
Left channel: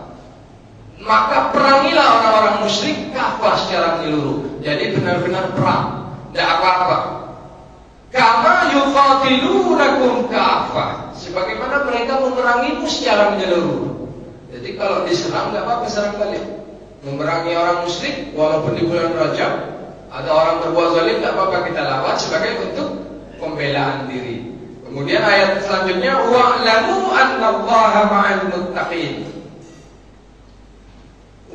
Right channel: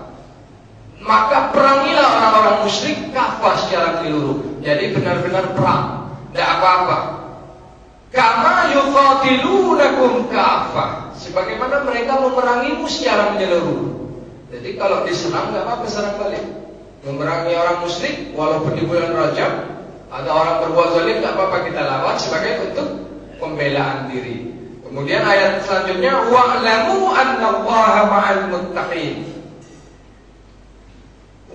Maka perangilah orang-orang musyrik kafah secara menyeluruh. Jadi benar-benar perang, tidak apa-apa. Kama yuqatilunakum kafah, sebagaimana mereka memerangimu secara menyeluruh. Jadi kalau diserang tidak apa-apa, serang balik. Memerangi orang musyrik walaupun di bulan Rajab, ada orang berbuat zalim, tidak apa-apa, kita lawan sebagai bentuk pembelaan diri. Kemudian ayat selanjutnya, wa'lamu annallaha ma'al muttaqin.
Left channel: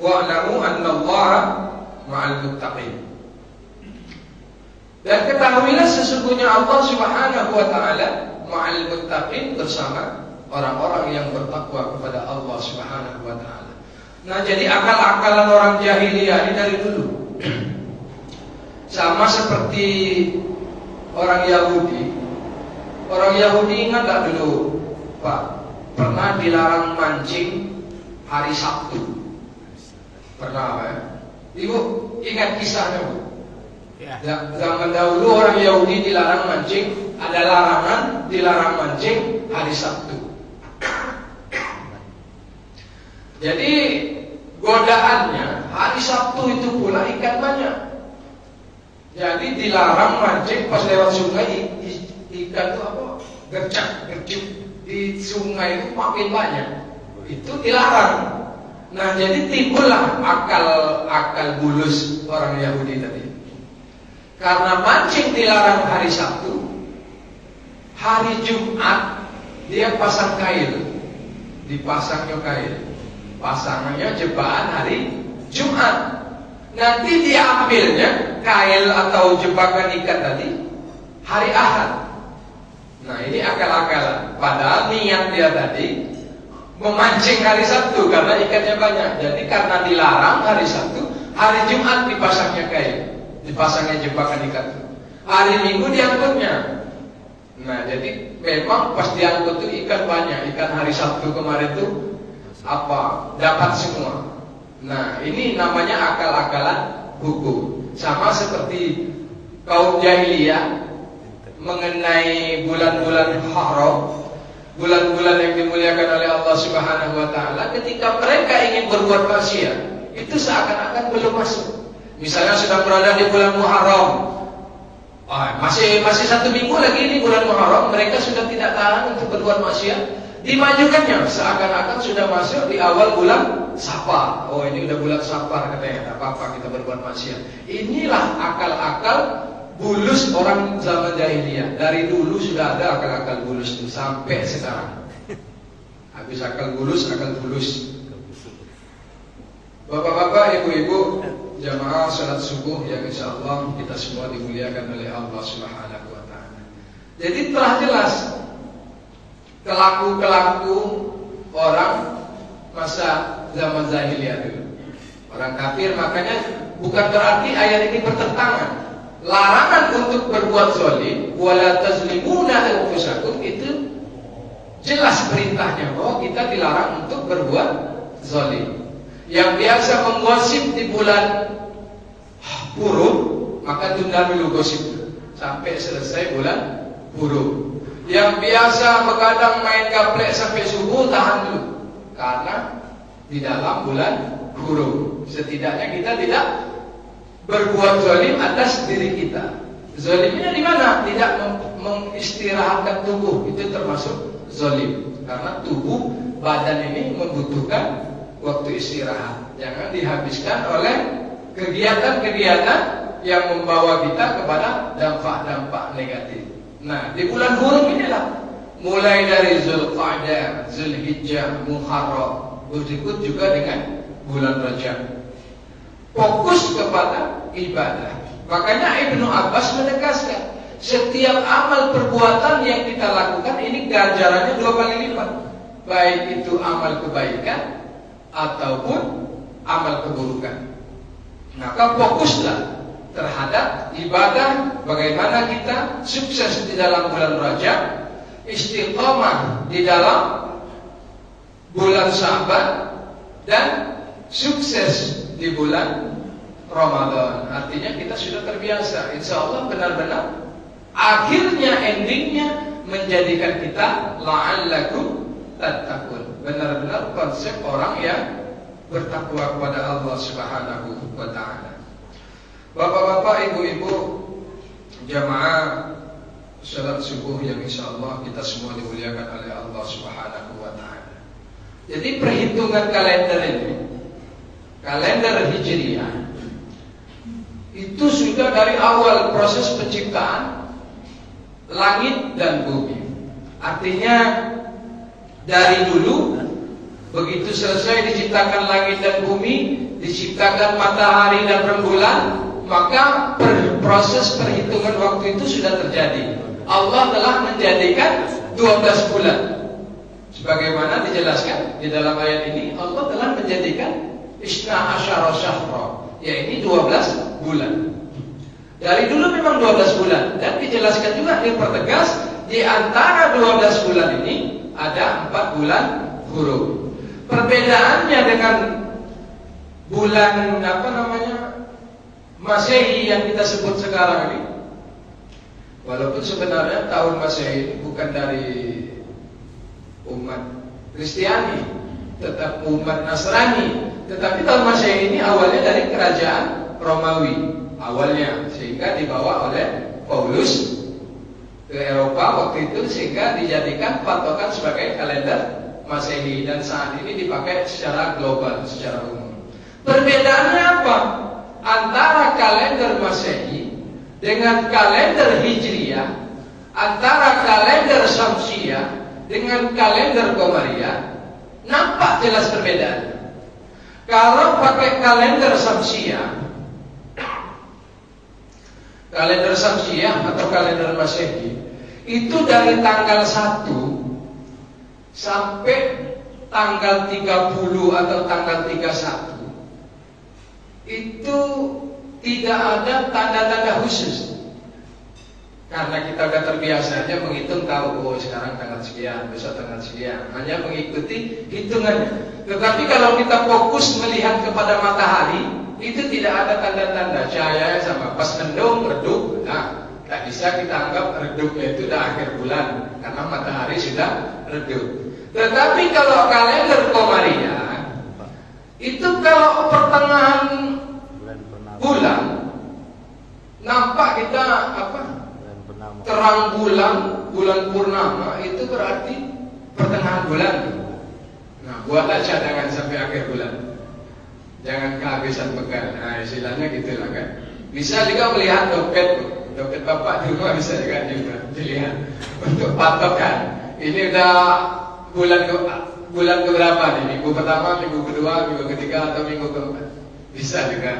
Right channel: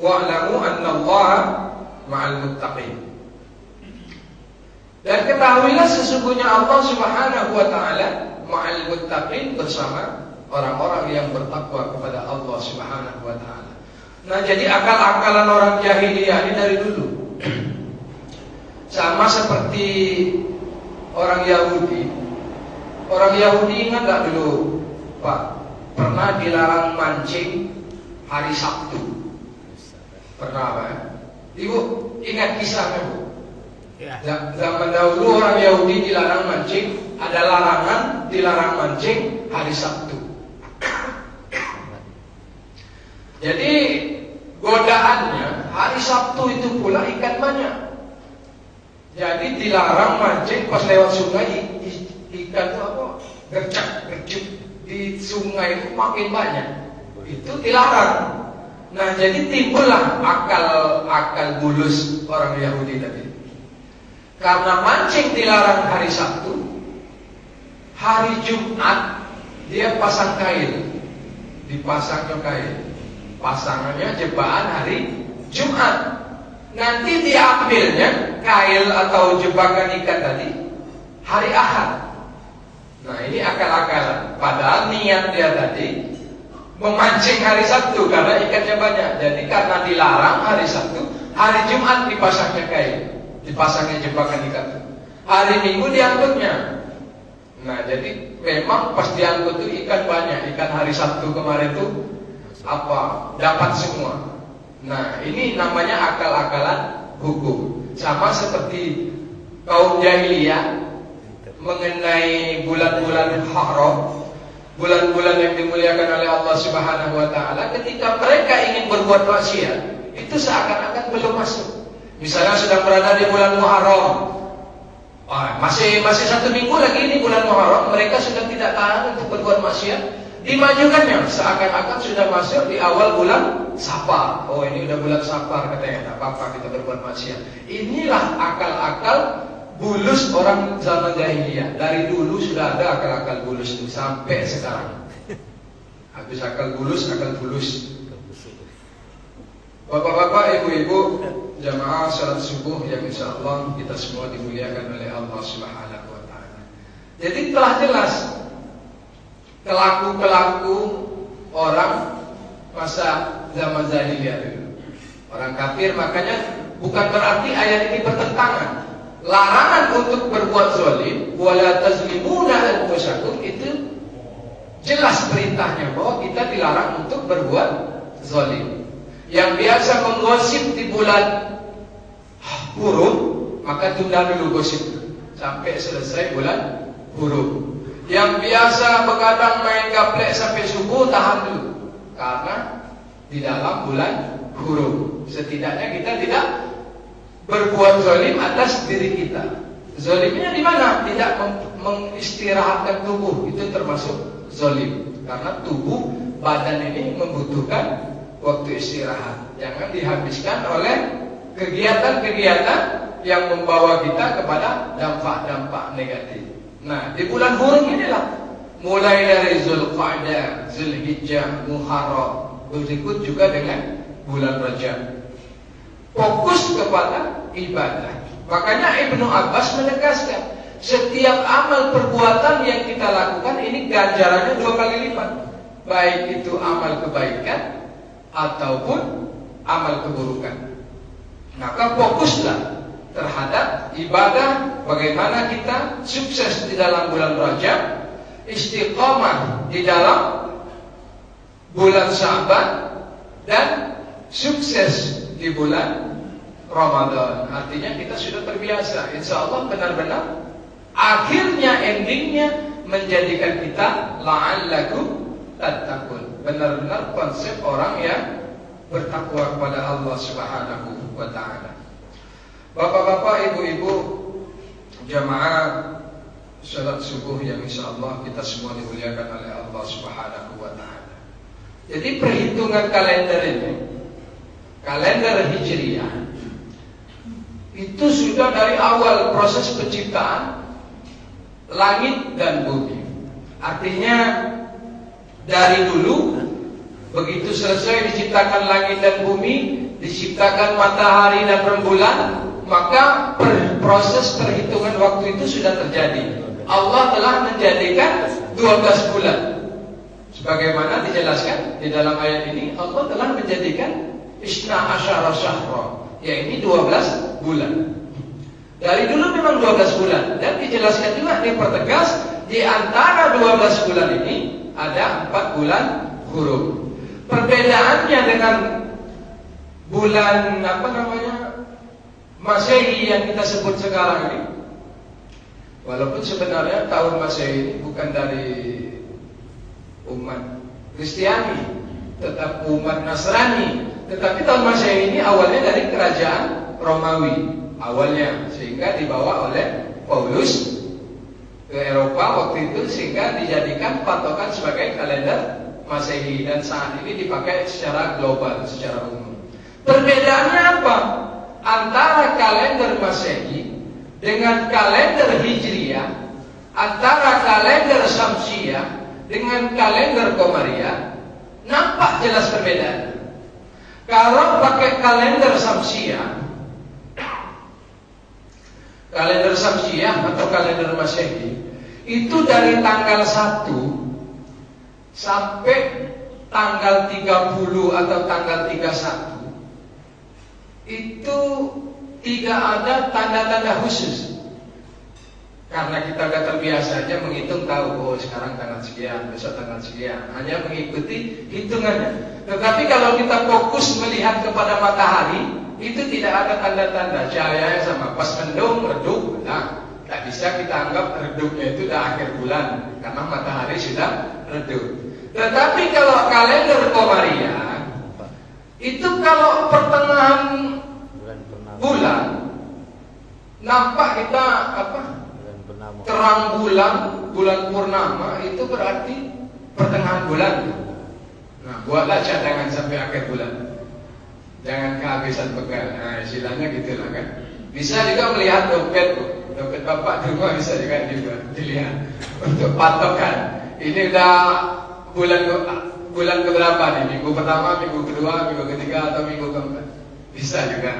Wa'lamu annallaha ma'al muttaqin. Dan ketahuilah sesungguhnya Allah Subhanahu wa taala ma'al muttaqin, bersama orang-orang yang bertakwa kepada Allah Subhanahu wa taala. Nah, jadi akal-akalan orang jahiliyah ini dari dulu sama seperti orang Yahudi. Orang Yahudi ingat tak dulu, Pak, pernah dilarang mancing hari Sabtu. Pernah, Pak? Ibu ingat kisahnya, Bu? Ya. Zaman dahulu orang Yahudi dilarang mancing, ada larangan dilarang mancing hari Sabtu. Jadi godaannya hari Sabtu itu pula ikan banyak. Jadi dilarang mancing pas lewat sungai, ikan itu gercep di sungai itu makin banyak. Itu dilarang. Nah, jadi timbullah akal bulus orang Yahudi tadi. Karena mancing dilarang hari Sabtu, hari Jumat dia pasang kail, dipasang kail, pasangannya jebakan hari Jumat. Nanti diambilnya kail atau jebakan ikan tadi hari Ahad. Nah, ini akal-akalan. Padahal niat dia tadi memancing hari Sabtu karena ikannya banyak. Jadi karena dilarang hari Sabtu, hari Jumat dipasangnya kail, dipasangnya jebakan ikan. Hari Minggu diangkutnya. Nah, jadi memang pas diangkut itu ikan banyak. Ikan hari Sabtu kemarin itu dapat semua. Nah, ini namanya akal-akalan hukum. Sama seperti kaum jahiliyah mengenai bulan-bulan haram, bulan-bulan yang dimuliakan oleh Allah Subhanahu wa taala, ketika mereka ingin berbuat maksiat, itu seakan-akan belum masuk. Misalnya sedang berada di bulan Muharram, Masih 1 minggu lagi ini bulan Muharram, mereka sudah tidak tahan untuk berbuat maksiat, dimajukannya seakan-akan sudah masuk di awal bulan Safar. Oh, ini udah bulan Safar katanya, tak apa-apa kita berbuat maksiat. Inilah akal-akal bulus orang zaman jahiliyah. Dari dulu sudah ada akal-akal bulus itu sampai sekarang. Habis akal bulus. Bapak-bapak, ibu-ibu, jamaah salat subuh yang insyaallah kita semua dimuliakan oleh Allah Subhanahu wa taala. Jadi telah jelas kelaku orang masa zaman jahiliyah dulu. Orang kafir, makanya bukan berarti ayat ini bertentangan. Larangan untuk berbuat zalim, wala tazlimuna anfusakum, itu jelas perintahnya bahwa kita dilarang untuk berbuat zalim. Yang biasa menggosip di bulan Hurum, maka tunda dulu gosip sampai selesai bulan Hurum. Yang biasa begadang main gaplek sampai subuh, tahan dulu, karena di dalam bulan Hurum. Setidaknya kita tidak berbuat zalim atas diri kita. Zalimnya di mana? Tidak mengistirahatkan tubuh, itu termasuk zalim. Karena tubuh badan ini membutuhkan waktu istirahat. Jangan dihabiskan oleh kegiatan-kegiatan yang membawa kita kepada dampak-dampak negatif. Nah, di bulan Hurum inilah, mulai dari Zulqa'dah, Zulhijjah, Muharram, berikut juga dengan bulan Rajab, fokus kepada ibadah. Makanya Ibnu Abbas menegaskan, setiap amal perbuatan yang kita lakukan ini ganjarannya 2 kali lipat, baik itu amal kebaikan ataupun amal keburukan. Maka fokuslah terhadap ibadah, bagaimana kita sukses di dalam bulan Rajab, istiqamah di dalam bulan Sya'ban, dan sukses di bulan Ramadan. Artinya kita sudah terbiasa. Insya Allah benar-benar akhirnya, endingnya menjadikan kita la'allakum tattaqun, benar-benar konsep orang yang bertakwa kepada Allah Subhanahu wa taala. Bapak-bapak, ibu-ibu, jamaah salat subuh yang insyaallah kita semua dimuliakan oleh Allah Subhanahu wa taala. Jadi perhitungan kalender ini, kalender Hijriah, itu sudah dari awal proses penciptaan langit dan bumi. Artinya dari dulu, begitu selesai diciptakan langit dan bumi, diciptakan matahari dan rembulan, maka proses perhitungan waktu itu sudah terjadi. Allah telah menjadikan 12 bulan. Sebagaimana dijelaskan di dalam ayat ini, Allah telah menjadikan Isna Asyara Syahra, yaitu 12 bulan. Dari dulu memang 12 bulan. Dan dijelaskan juga, dipertegas, di antara 12 bulan ini ada 4 bulan Hurum. Perbedaannya dengan bulan Masehi yang kita sebut sekarang ini, walaupun sebenarnya tahun Masehi ini bukan dari umat Kristiani, tetap umat Nasrani, tetapi tahun Masehi ini awalnya dari kerajaan Romawi awalnya, sehingga dibawa oleh Paulus ke Eropa waktu itu, sehingga dijadikan patokan sebagai kalender Masehi, dan saat ini dipakai secara global, secara umum. Perbedaannya apa? Antara kalender Masehi dengan kalender Hijriah, antara kalender Syamsiyah dengan kalender Qamariyah, nampak jelas perbedaan. Kalau pakai kalender Syamsiyah atau kalender Masehi, itu dari tanggal 1 sampai tanggal 30 atau tanggal 31, itu tidak ada tanda-tanda khusus. Karena kita sudah terbiasanya menghitung, tahu sekarang tanggal sekian, besok tanggal sekian, hanya mengikuti hitungan. Tetapi kalau kita fokus melihat kepada matahari, itu tidak ada tanda-tanda cahaya sama. Pas mendung, redup, nah, tak bisa kita anggap redupnya itu dah akhir bulan, karena matahari sudah redup. Tetapi kalau kalender Qamariyah, itu kalau pertengahan bulan nampak kita terang bulan purnama itu berarti pertengahan bulan. Nah, buatlah cadangan sampai akhir bulan. Jangan kehabisan bekal. Nah, istilahnya gitu lah kan. Bisa juga melihat dompet bapak di rumah bisa juga dilihat untuk patokan. Ini udah bulan berapa nih? Minggu pertama, minggu kedua, minggu ketiga atau minggu keempat? Bisa juga.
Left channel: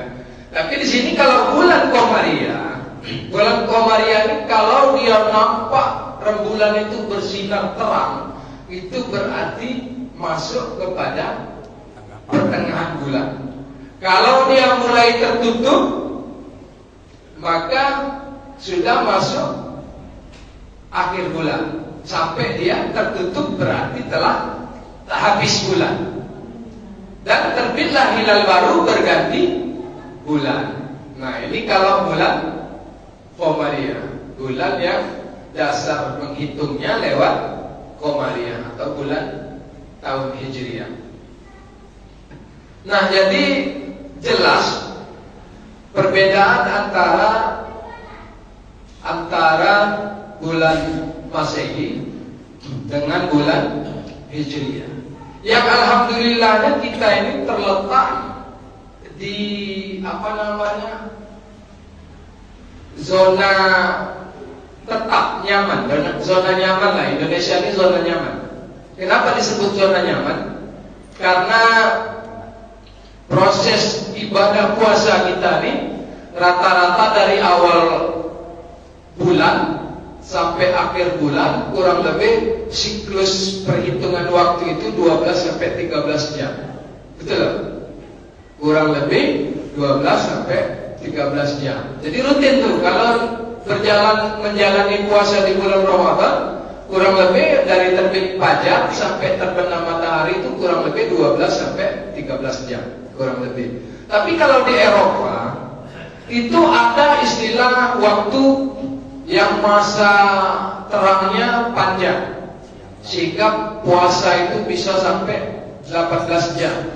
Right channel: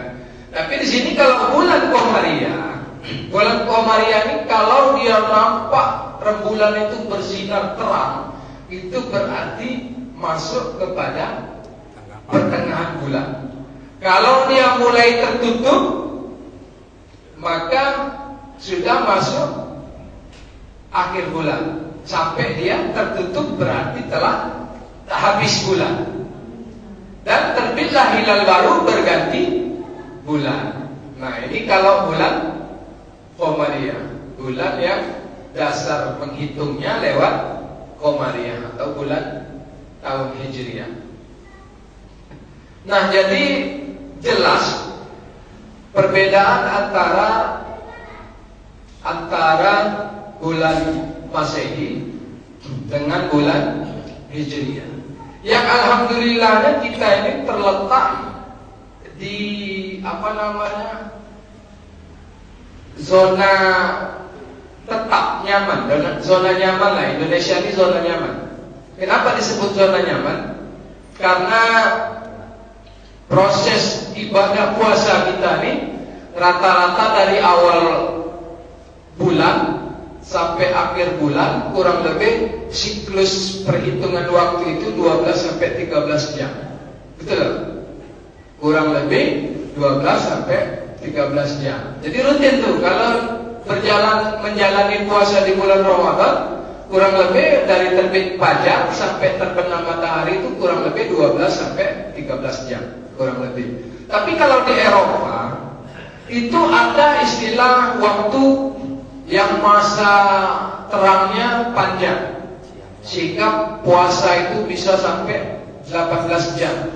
Tapi di sini kalau bulan Qomariyah ini kalau dia nampak rembulan itu bersinar terang, itu berarti masuk kepada pertengahan bulan. Kalau dia mulai tertutup, maka sudah masuk akhir bulan. Sampai dia tertutup berarti telah habis bulan. Dan terbitlah hilal baru berganti bulan. Nah, ini kalau bulan Qomariyah, bulan yang dasar menghitungnya lewat Qomariyah atau bulan tahun Hijriah. Nah, jadi jelas perbedaan antara bulan Masehi dengan bulan Hijriah. Yang alhamdulillahnya kita ini terletak di zona tetap nyaman, zona nyaman lah. Indonesia ini zona nyaman. Kenapa disebut zona nyaman? Karena proses ibadah puasa kita ini rata-rata dari awal bulan sampai akhir bulan kurang lebih siklus perhitungan waktu itu 12 sampai 13 jam. Betul tak? Kurang lebih 12 sampai 13 jam. Jadi rutin tuh kalau menjalani puasa di bulan Ramadan, kurang lebih dari terbit fajar sampai terbenam matahari itu kurang lebih 12 sampai 13 jam, kurang lebih. Tapi kalau di Eropa itu ada istilah waktu yang masa terangnya panjang, sehingga puasa itu bisa sampai 18 jam.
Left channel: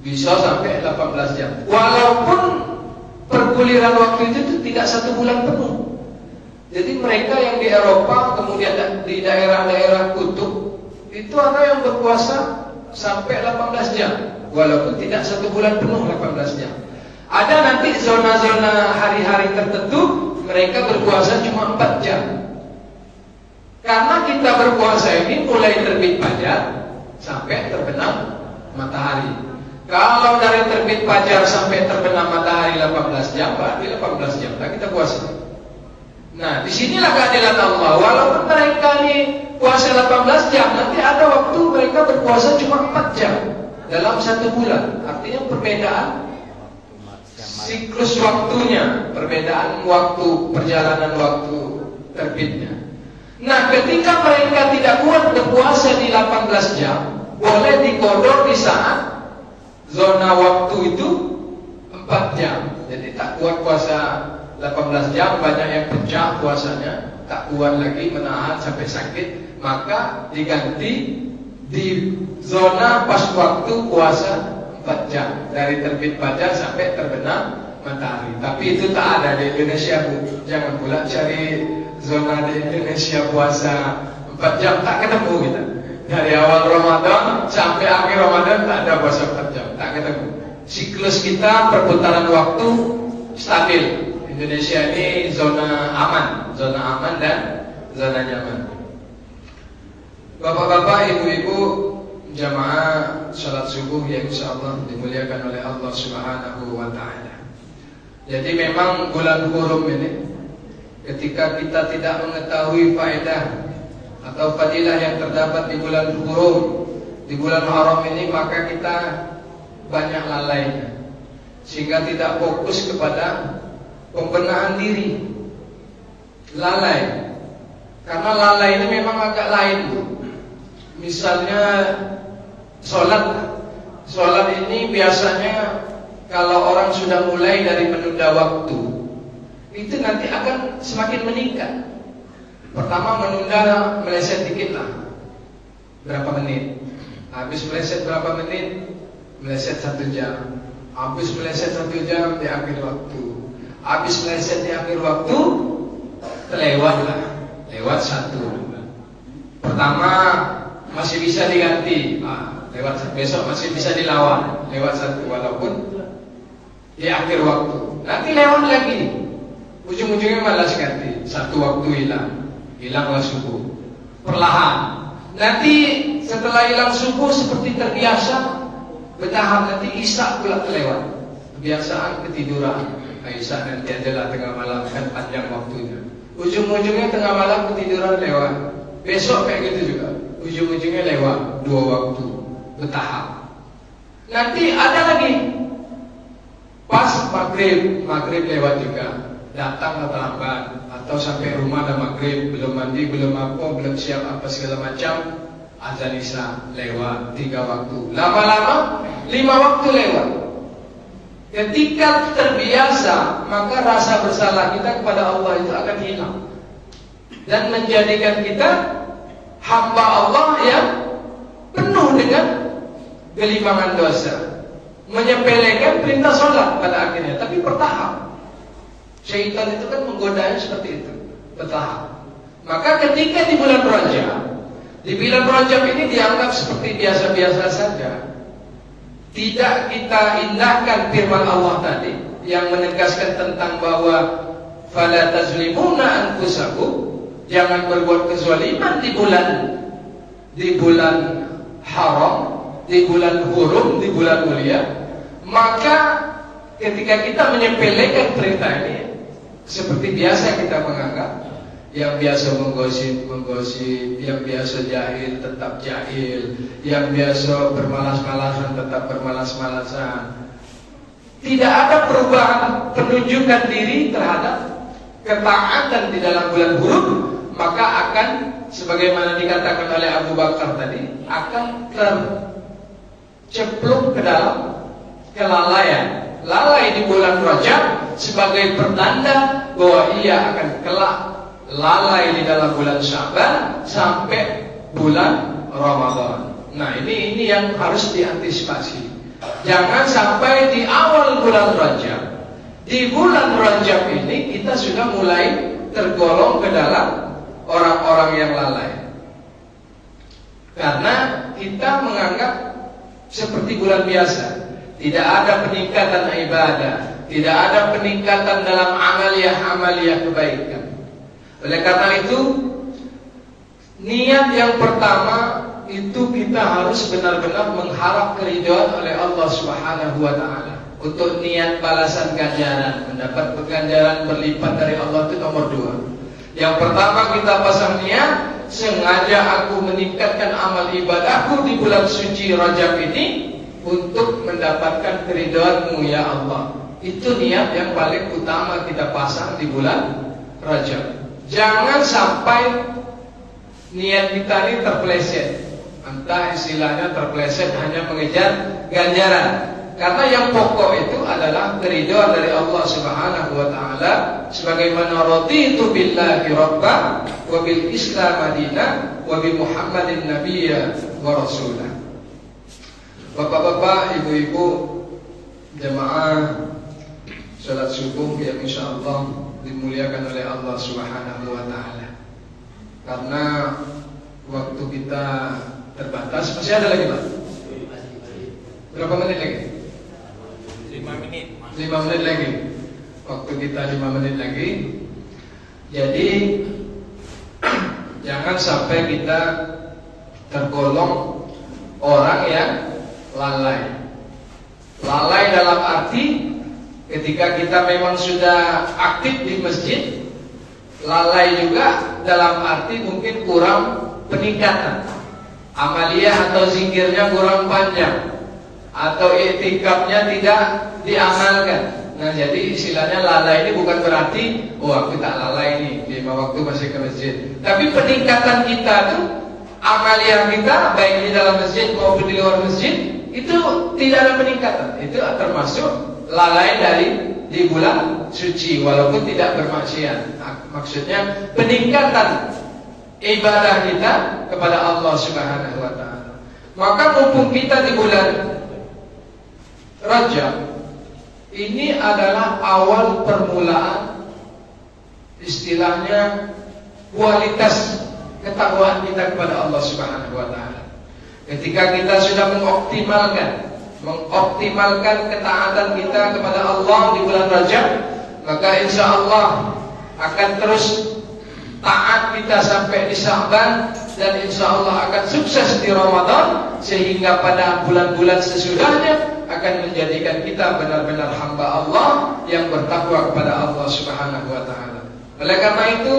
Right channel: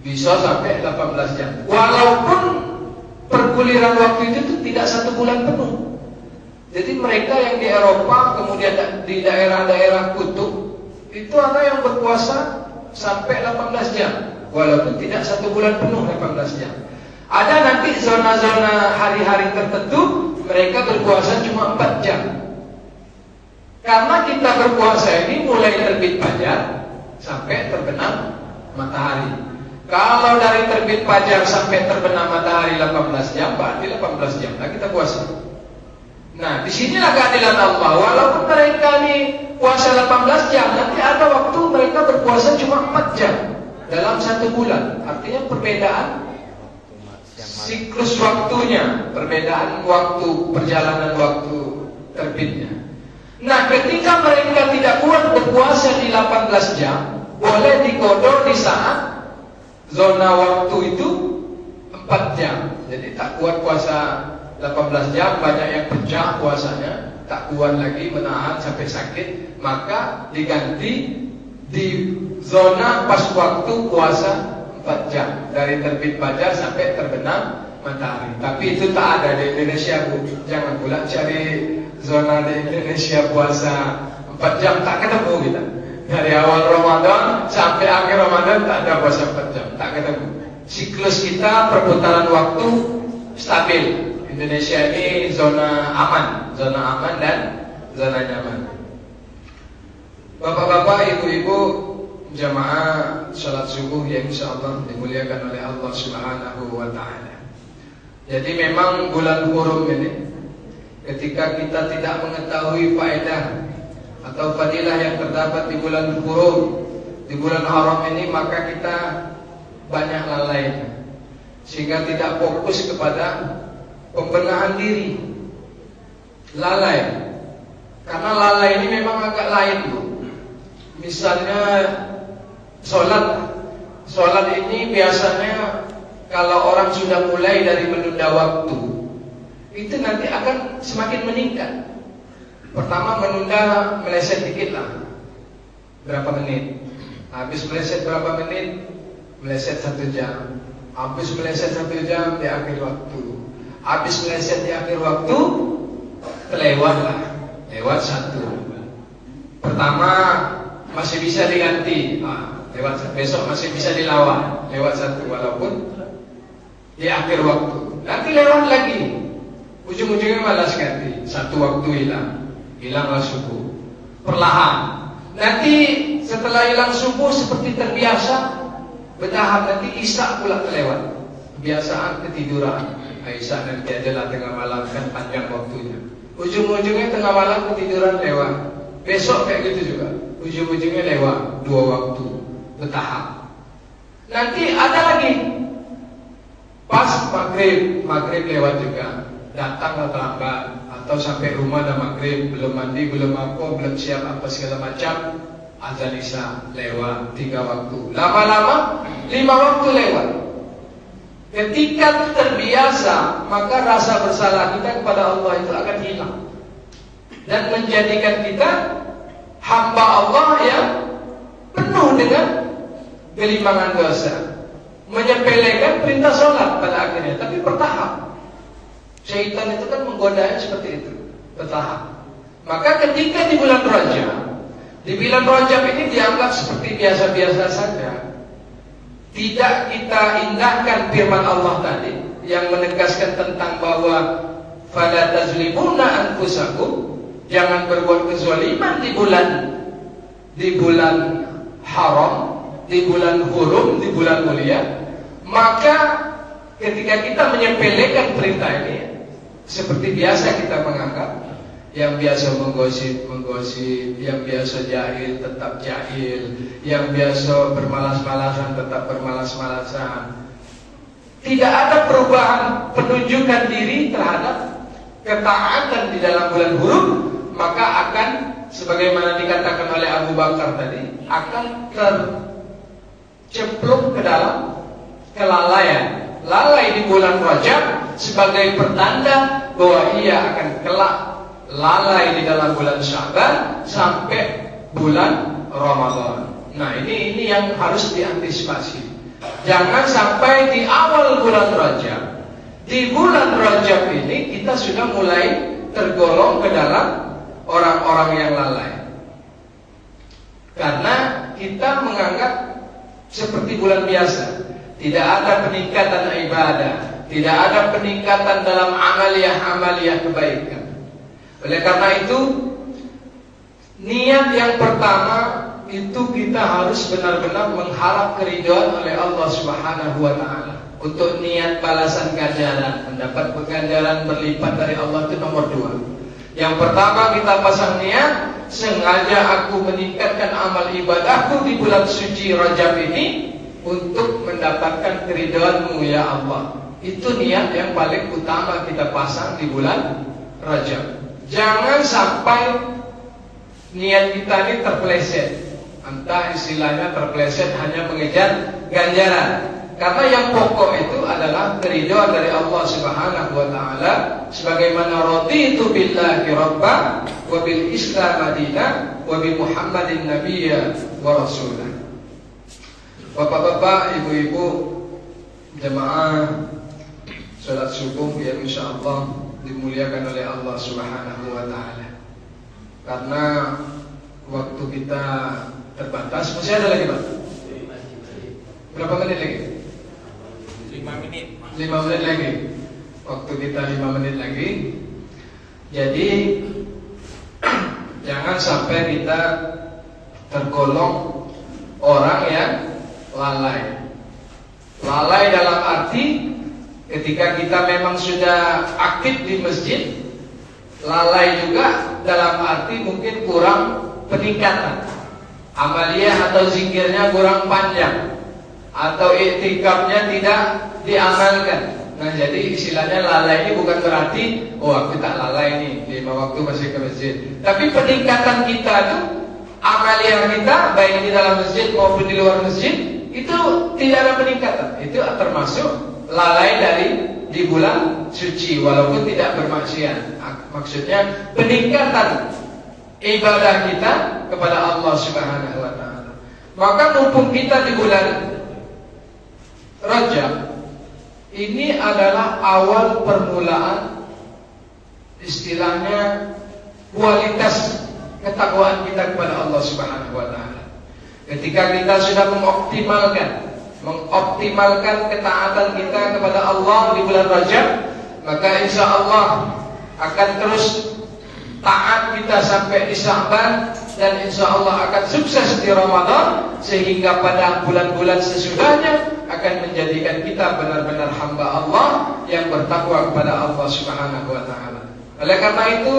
Bisa sampai 18 jam. Walaupun perguliran waktu itu tidak 1 bulan penuh. Jadi mereka yang di Eropa, kemudian di daerah-daerah kutub, itu ada yang berpuasa sampai 18 jam. Walaupun tidak 1 bulan penuh 18 jam. Ada nanti zona-zona hari-hari tertentu mereka berpuasa cuma 4 jam. Karena kita berpuasa ini mulai terbit fajar sampai terbenam matahari. Kalau dari terbit fajar sampai terbenam matahari 18 jam, berarti 18 jam lah kita puasa. Nah, disinilah keadilan Allah. Walaupun mereka ini puasa 18 jam, nanti ada waktu mereka berpuasa cuma 4 jam dalam 1 bulan. Artinya perbedaan siklus waktunya, perbedaan waktu, perjalanan waktu terbitnya. Nah, ketika mereka tidak kuat berpuasa di 18 jam, boleh dikodok di saat zona waktu itu 4 jam. Jadi tak kuat puasa 18 jam, banyak yang pecah puasanya, tak kuat lagi menahan sampai sakit, maka diganti di zona pas waktu puasa 4 jam dari terbit fajar sampai terbenam matahari. Tapi itu tak ada di Indonesia, Bu. Jangan pula cari zona di Indonesia puasa 4 jam, tak ketemu kita. Dari awal Ramadan sampai akhir Ramadan tak ada puasa 4 jam, tak ketemu. Siklus kita perputaran waktu stabil. Indonesia ini zona aman dan zona nyaman. Bapak-bapak, ibu-ibu, jamaah salat subuh yang insyaallah dimuliakan oleh Allah Subhanahu wa taala. Jadi memang bulan hurum ini, ketika kita tidak mengetahui faedah atau fadilah yang terdapat di bulan hurum, di bulan haram ini, maka kita banyak lalai, sehingga tidak fokus kepada pembenahan diri. Lalai. Karena lalai ini memang agak lain, Bu. Misalnya Sholat ini biasanya kalau orang sudah mulai dari menunda waktu, itu nanti akan semakin meningkat. Pertama menunda, meleset dikit lah, berapa menit. Habis meleset berapa menit, meleset 1 jam. Habis meleset 1 jam di akhir waktu. Habis meleset di akhir waktu, kelewat lah, lewat satu. Pertama masih bisa diganti, lewat besok masih bisa dilawan, lewat satu walaupun di akhir waktu. Nanti lewat lagi, ujung-ujungnya malas ganti, satu waktu hilanglah subuh. Perlahan, nanti setelah hilang subuh seperti terbiasa, bertahap nanti isya pula kelewat. Kebiasaan ketiduran, isya nanti adalah tengah malam, kan panjang waktunya. Ujung-ujungnya tengah malam ketiduran lewat. Besok kayak gitu juga, ujung-ujungnya lewat 2 waktu bertahap. Nanti ada lagi, pas maghrib lewat juga, datang lambat, atau sampai rumah dah maghrib, belum mandi, belum apa, belum siap apa segala macam, azan isya lewat 3 waktu. Lama-lama 5 waktu lewat. Ketika terbiasa, maka rasa bersalah kita kepada Allah itu akan hilang dan menjadikan kita hamba Allah yang penuh dengan gelimpangan dosa, menyepelekan perintah sholat pada akhirnya. Tapi bertahap. Syaitan itu kan menggodanya seperti itu, bertahap. Maka ketika di bulan Rajab ini dianggap seperti biasa-biasa saja, tidak kita indahkan firman Allah tadi yang menegaskan tentang bahwa fala tazlimuna anfusakum, jangan berbuat kezaliman di bulan haram, di bulan hurum, di bulan mulia. Maka ketika kita menyepelekan perintah ini, seperti biasa kita menganggap yang biasa menggosip, yang biasa jahil tetap jahil, yang biasa bermalas-malasan tetap bermalas-malasan. Tidak ada perubahan penunjukan diri terhadap ketaatan di dalam bulan hurum, maka akan sebagaimana dikatakan oleh Abu Bakar tadi, akan tercemplung ke dalam kelalaian. Lalai di bulan Rajab sebagai pertanda bahwa ia akan kelak lalai di dalam bulan Sya'ban sampai bulan Ramadan. Nah, ini yang harus diantisipasi. Jangan sampai di awal bulan Rajab, di bulan Rajab ini kita sudah mulai tergolong ke dalam orang-orang yang lalai. Karena kita menganggap seperti bulan biasa, tidak ada peningkatan ibadah, tidak ada peningkatan dalam amaliyah kebaikan. Oleh karena itu, niat yang pertama itu kita harus benar-benar mengharap keridhaan oleh Allah Subhanahu wa taala. Untuk niat balasan ganjaran, mendapat ganjaran berlipat dari Allah itu nomor 2. Yang pertama kita pasang niat, sengaja aku meningkatkan amal ibadahku di bulan suci Rajab ini untuk mendapatkan keridhaan-Mu ya Allah. Itu niat yang paling utama kita pasang di bulan Rajab. Jangan sampai niat kita ini terpeleset, entah istilahnya terpeleset hanya mengejar ganjaran. Karena yang pokok itu adalah keridhaan dari Allah Subhanahu wa taala, sebagaimana raditu billahi rabban wa bil islam madinah wa bi Muhammadin nabiyya wa rasulah. Bapak-bapak, ibu-ibu, jemaah salat subuh yang insyaallah dimuliakan oleh Allah Subhanahu wa taala. Karena waktu kita terbatas, masih ada lagi, Pak? Berapa menit lagi? 5 menit. 5 menit lagi. Waktu kita 5 menit lagi. Jadi jangan sampai kita tergolong orang yang lalai. Lalai dalam arti ketika kita memang sudah aktif di masjid, lalai juga dalam arti mungkin kurang peningkatan. Amaliyah atau zikirnya kurang panjang, atau iktikafnya tidak diamalkan. Nah, jadi istilahnya lalai ini bukan berarti aku tak lalai nih 5 waktu masih ke masjid. Tapi peningkatan kita tuh, amaliyah kita baik di dalam masjid maupun di luar masjid itu tidak ada peningkatan. Itu termasuk lalai dari di bulan suci walaupun tidak bermaksiat. Maksudnya peningkatan ibadah kita kepada Allah Subhanahu wa taala. Maka mumpung kita di bulan Rajab, ini adalah awal permulaan istilahnya kualitas ketakwaan kita kepada Allah Subhanahu wa taala. Ketika kita sudah mengoptimalkan ketaatan kita kepada Allah di bulan Rajab, maka insya Allah akan terus taat kita sampai di Sya'ban, dan insya Allah akan sukses di Ramadan, sehingga pada bulan-bulan sesudahnya akan menjadikan kita benar-benar hamba Allah yang bertakwa kepada Allah Subhanahu wa taala. Oleh karena itu,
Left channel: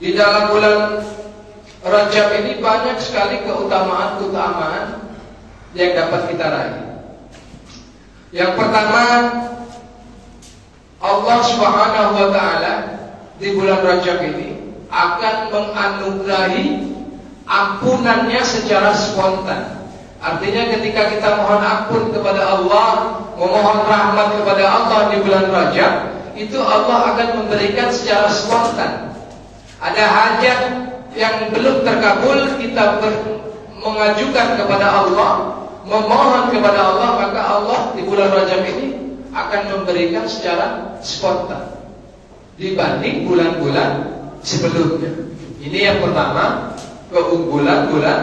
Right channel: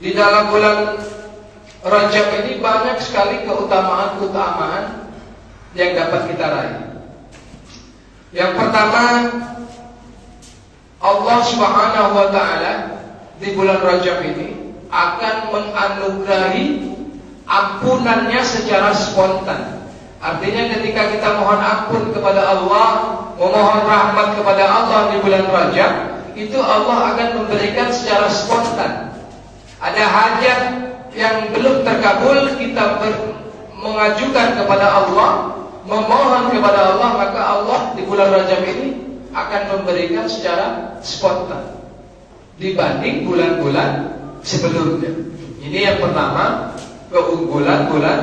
di dalam bulan Rajab ini banyak sekali keutamaan-keutamaan yang dapat kita raih. Yang pertama, Allah Subhanahu wa taala di bulan Rajab ini akan menganugerahi ampunannya secara spontan. Artinya ketika kita mohon ampun kepada Allah, memohon rahmat kepada Allah di bulan Rajab, itu Allah akan memberikan secara spontan. Ada hajat yang belum terkabul, kita mengajukan kepada Allah, memohon kepada Allah, maka Allah di bulan Rajab ini akan memberikan secara spontan dibanding bulan-bulan sebelumnya. Ini yang pertama, keunggulan bulan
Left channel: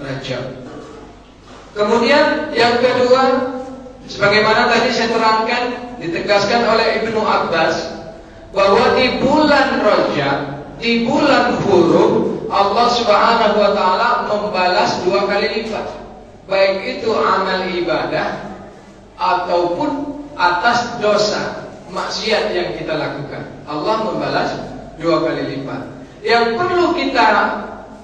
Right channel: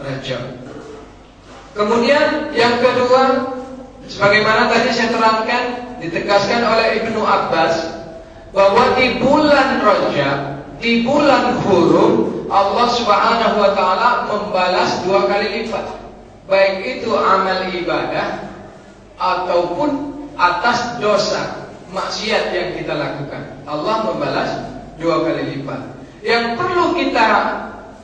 Rajab. Kemudian yang kedua, sebagaimana tadi saya terangkan, ditegaskan oleh Ibnu Abbas bahwa di bulan Rajab, di bulan hurum, Allah Subhanahu wa taala membalas 2 kali lipat, baik itu amal ibadah ataupun atas dosa maksiat yang kita lakukan. Allah membalas 2 kali lipat. Yang perlu kita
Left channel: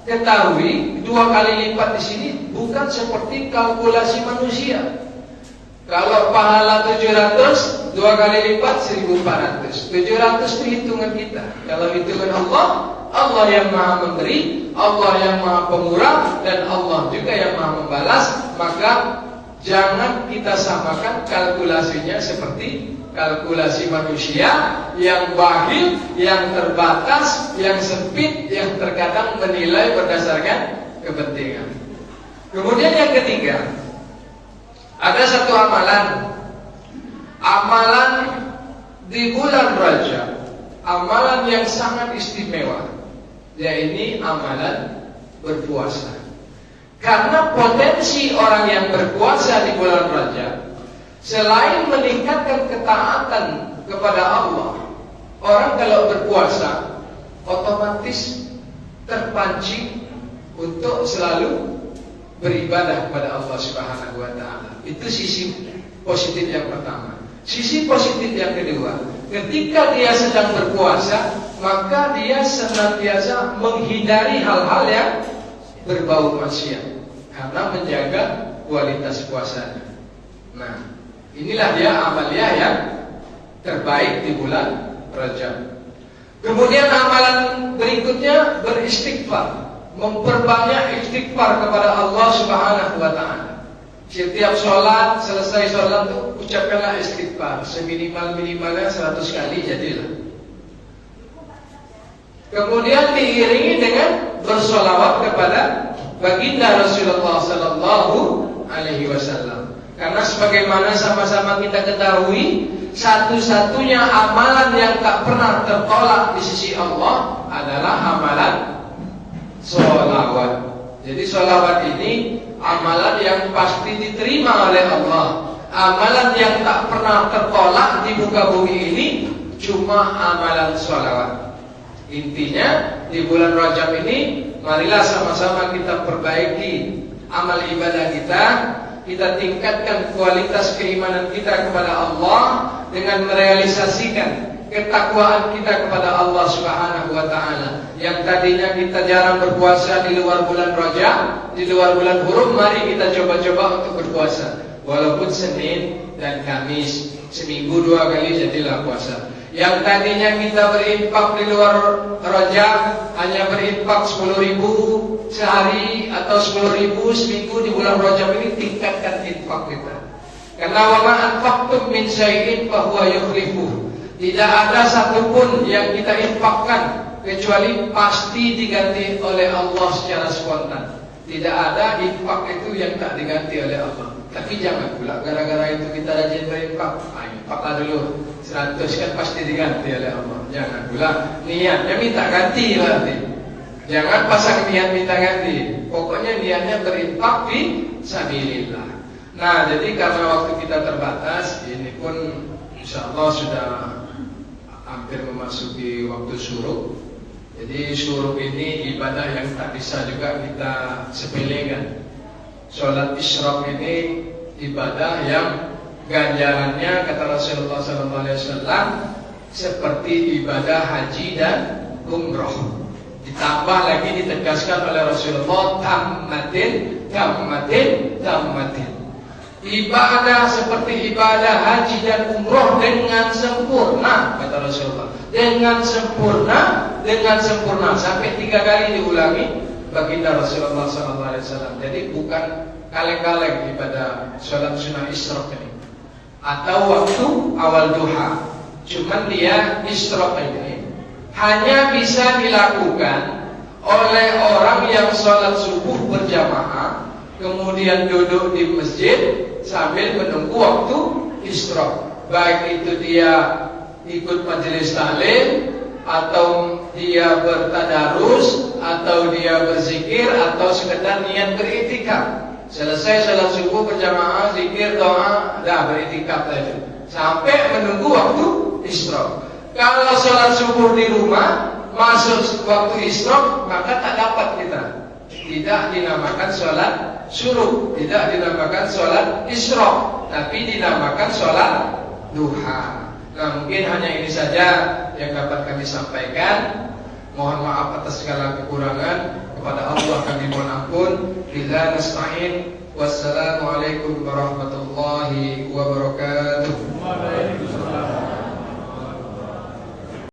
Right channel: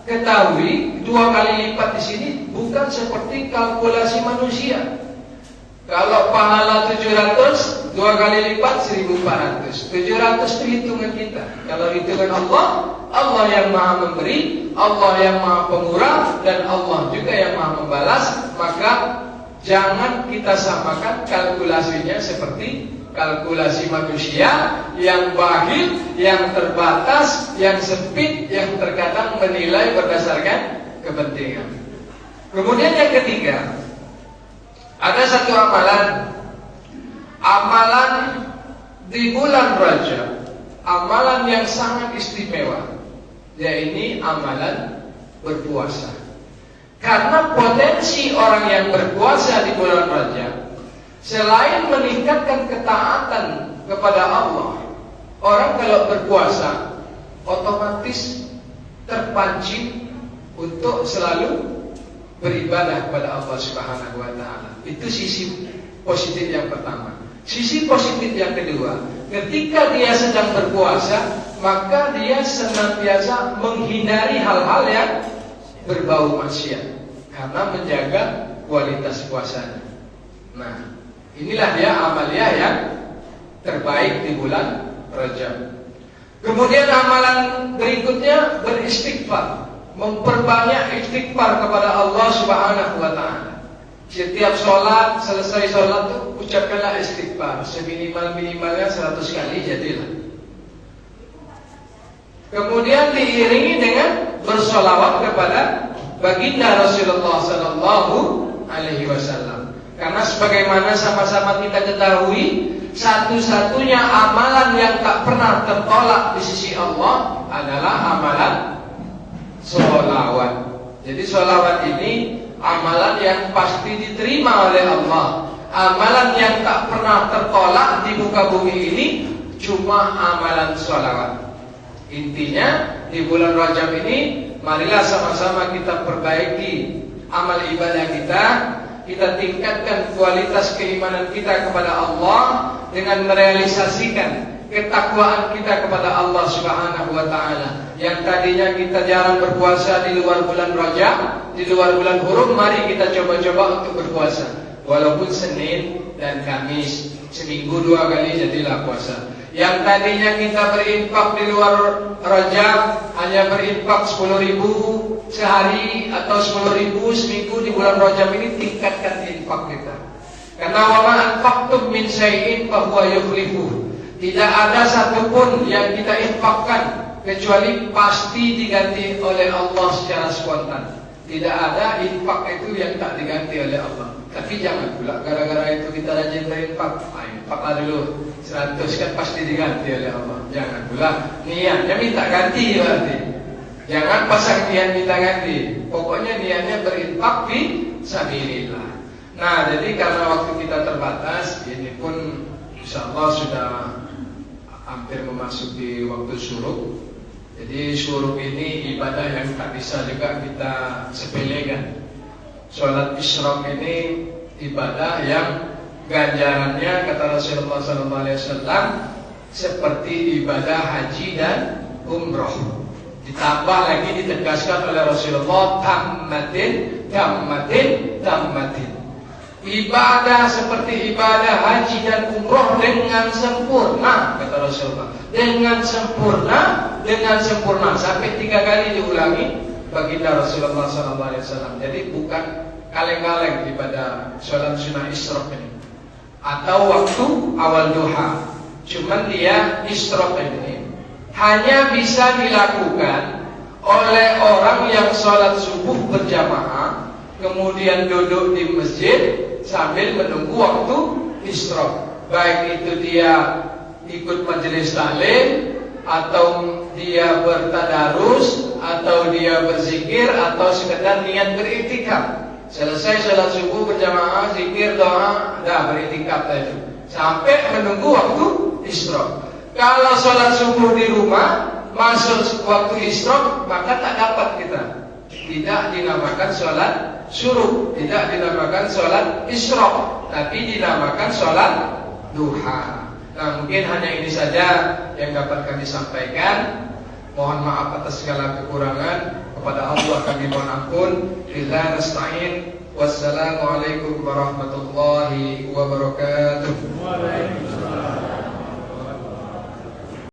ketahui, 2 kali lipat di sini bukan seperti kalkulasi manusia. Kalau pahala 700, 2 kali lipat 1400. 700 itu hitungan kita. Kalau hitungan Allah, Allah yang maha memberi, Allah yang maha pemurah, dan Allah juga yang maha membalas. Maka jangan kita samakan kalkulasinya seperti kalkulasi manusia yang bakhil, yang terbatas, yang sempit, yang terkadang menilai berdasarkan kepentingan. Kemudian yang ketiga, ada satu amalan di bulan Rajab, amalan yang sangat istimewa, yaitu amalan berpuasa. Karena potensi orang yang berpuasa di bulan Rajab, selain meningkatkan ketaatan kepada Allah, orang kalau berpuasa otomatis terpancing untuk selalu beribadah kepada Allah Subhanahu wa taala. Itu sisi positif yang pertama. Sisi positif yang kedua, ketika dia sedang berpuasa, maka dia senantiasa menghindari hal-hal yang berbau maksiat karena menjaga kualitas puasanya. Nah, inilah dia amalia yang terbaik di bulan Rajab. Kemudian amalan berikutnya beristighfar, memperbanyak istighfar kepada Allah Subhanahu wa taala. Setiap sholat, selesai sholat itu ucapkanlah istighfar, seminimal-minimalnya 100 kali jadilah. Kemudian diiringi dengan bersolawat kepada baginda Rasulullah sallallahu alaihi wasallam. Karena sebagaimana sama-sama kita ketahui, satu-satunya amalan yang tak pernah tertolak di sisi Allah adalah amalan sholawat. Jadi sholawat ini amalan yang pasti diterima oleh Allah. Amalan yang tak pernah tertolak di muka bumi ini cuma amalan sholawat. Intinya di bulan Rajab ini, marilah sama-sama kita perbaiki amal ibadah kita. Kita tingkatkan kualitas keimanan kita kepada Allah dengan merealisasikan ketakwaan kita kepada Allah Subhanahu wa taala. Yang tadinya kita jarang berpuasa di luar bulan Rajab, di luar bulan hurum, mari kita coba-coba untuk berpuasa. Walaupun Senin dan Kamis, seminggu 2 kali jadilah puasa. Yang tadinya kita berinfak di luar Rajab, hanya berinfak 10.000 sehari atau 10.000 seminggu, di bulan Rajab ini tingkatkan infak kita. Karena wa ma anfaqtum min syai'in fa huwa yukhlifuh. Tidak ada satupun yang kita infakkan kecuali pasti diganti oleh Allah secara spontan. Tidak ada infak itu yang tak diganti oleh Allah. Tapi jangan pula gara-gara itu kita rajin berinfak. Infaklah dulu 100 kan pasti diganti oleh Allah. Jangan pula niatnya minta ganti berarti. Jangan pasang niat minta ganti. Pokoknya niatnya berinfak di sabilillah. Nah, jadi karena waktu kita terbatas, ini pun insyaallah sudah hampir memasuki waktu syuruk. Jadi syuruk ini ibadah yang tak bisa juga kita sepelekan. Sholat isyraq ini ibadah yang ganjarannya kata Rasulullah SAW seperti ibadah haji dan umroh. Ditambah lagi ditegaskan oleh Rasulullah tammatin. Ibadah seperti ibadah haji dan umroh dengan sempurna kata Rasulullah. Dengan sempurna sampai 3 kali diulangi baginda Rasulullah SAW. Jadi bukan kaleng-kaleng ibadah sholat sunnah isyraq ini atau waktu awal duha. Cuman dia isyraq ini hanya bisa dilakukan oleh orang yang sholat subuh berjamaah, kemudian duduk di masjid sambil menunggu waktu isyraq. Baik itu dia ikut majelis taklim, atau dia bertadarus, atau dia berzikir, atau sekedar niat beriktikaf. Selesai sholat subuh berjamaah, zikir, doa, dah beriktikaf itu sampai menunggu waktu isyraq. Kalau sholat subuh di rumah masuk waktu isyraq, maka tak dapat kita. Tidak dinamakan sholat syuruk, tidak dinamakan sholat isyraq, tapi dinamakan sholat duha. Nah, mungkin hanya ini saja yang dapat kami sampaikan. Mohon maaf atas segala kekurangan. Kepada Allah kami mohon ampun. Billahi nasta'in. Wassalamualaikum warahmatullahi wabarakatuh.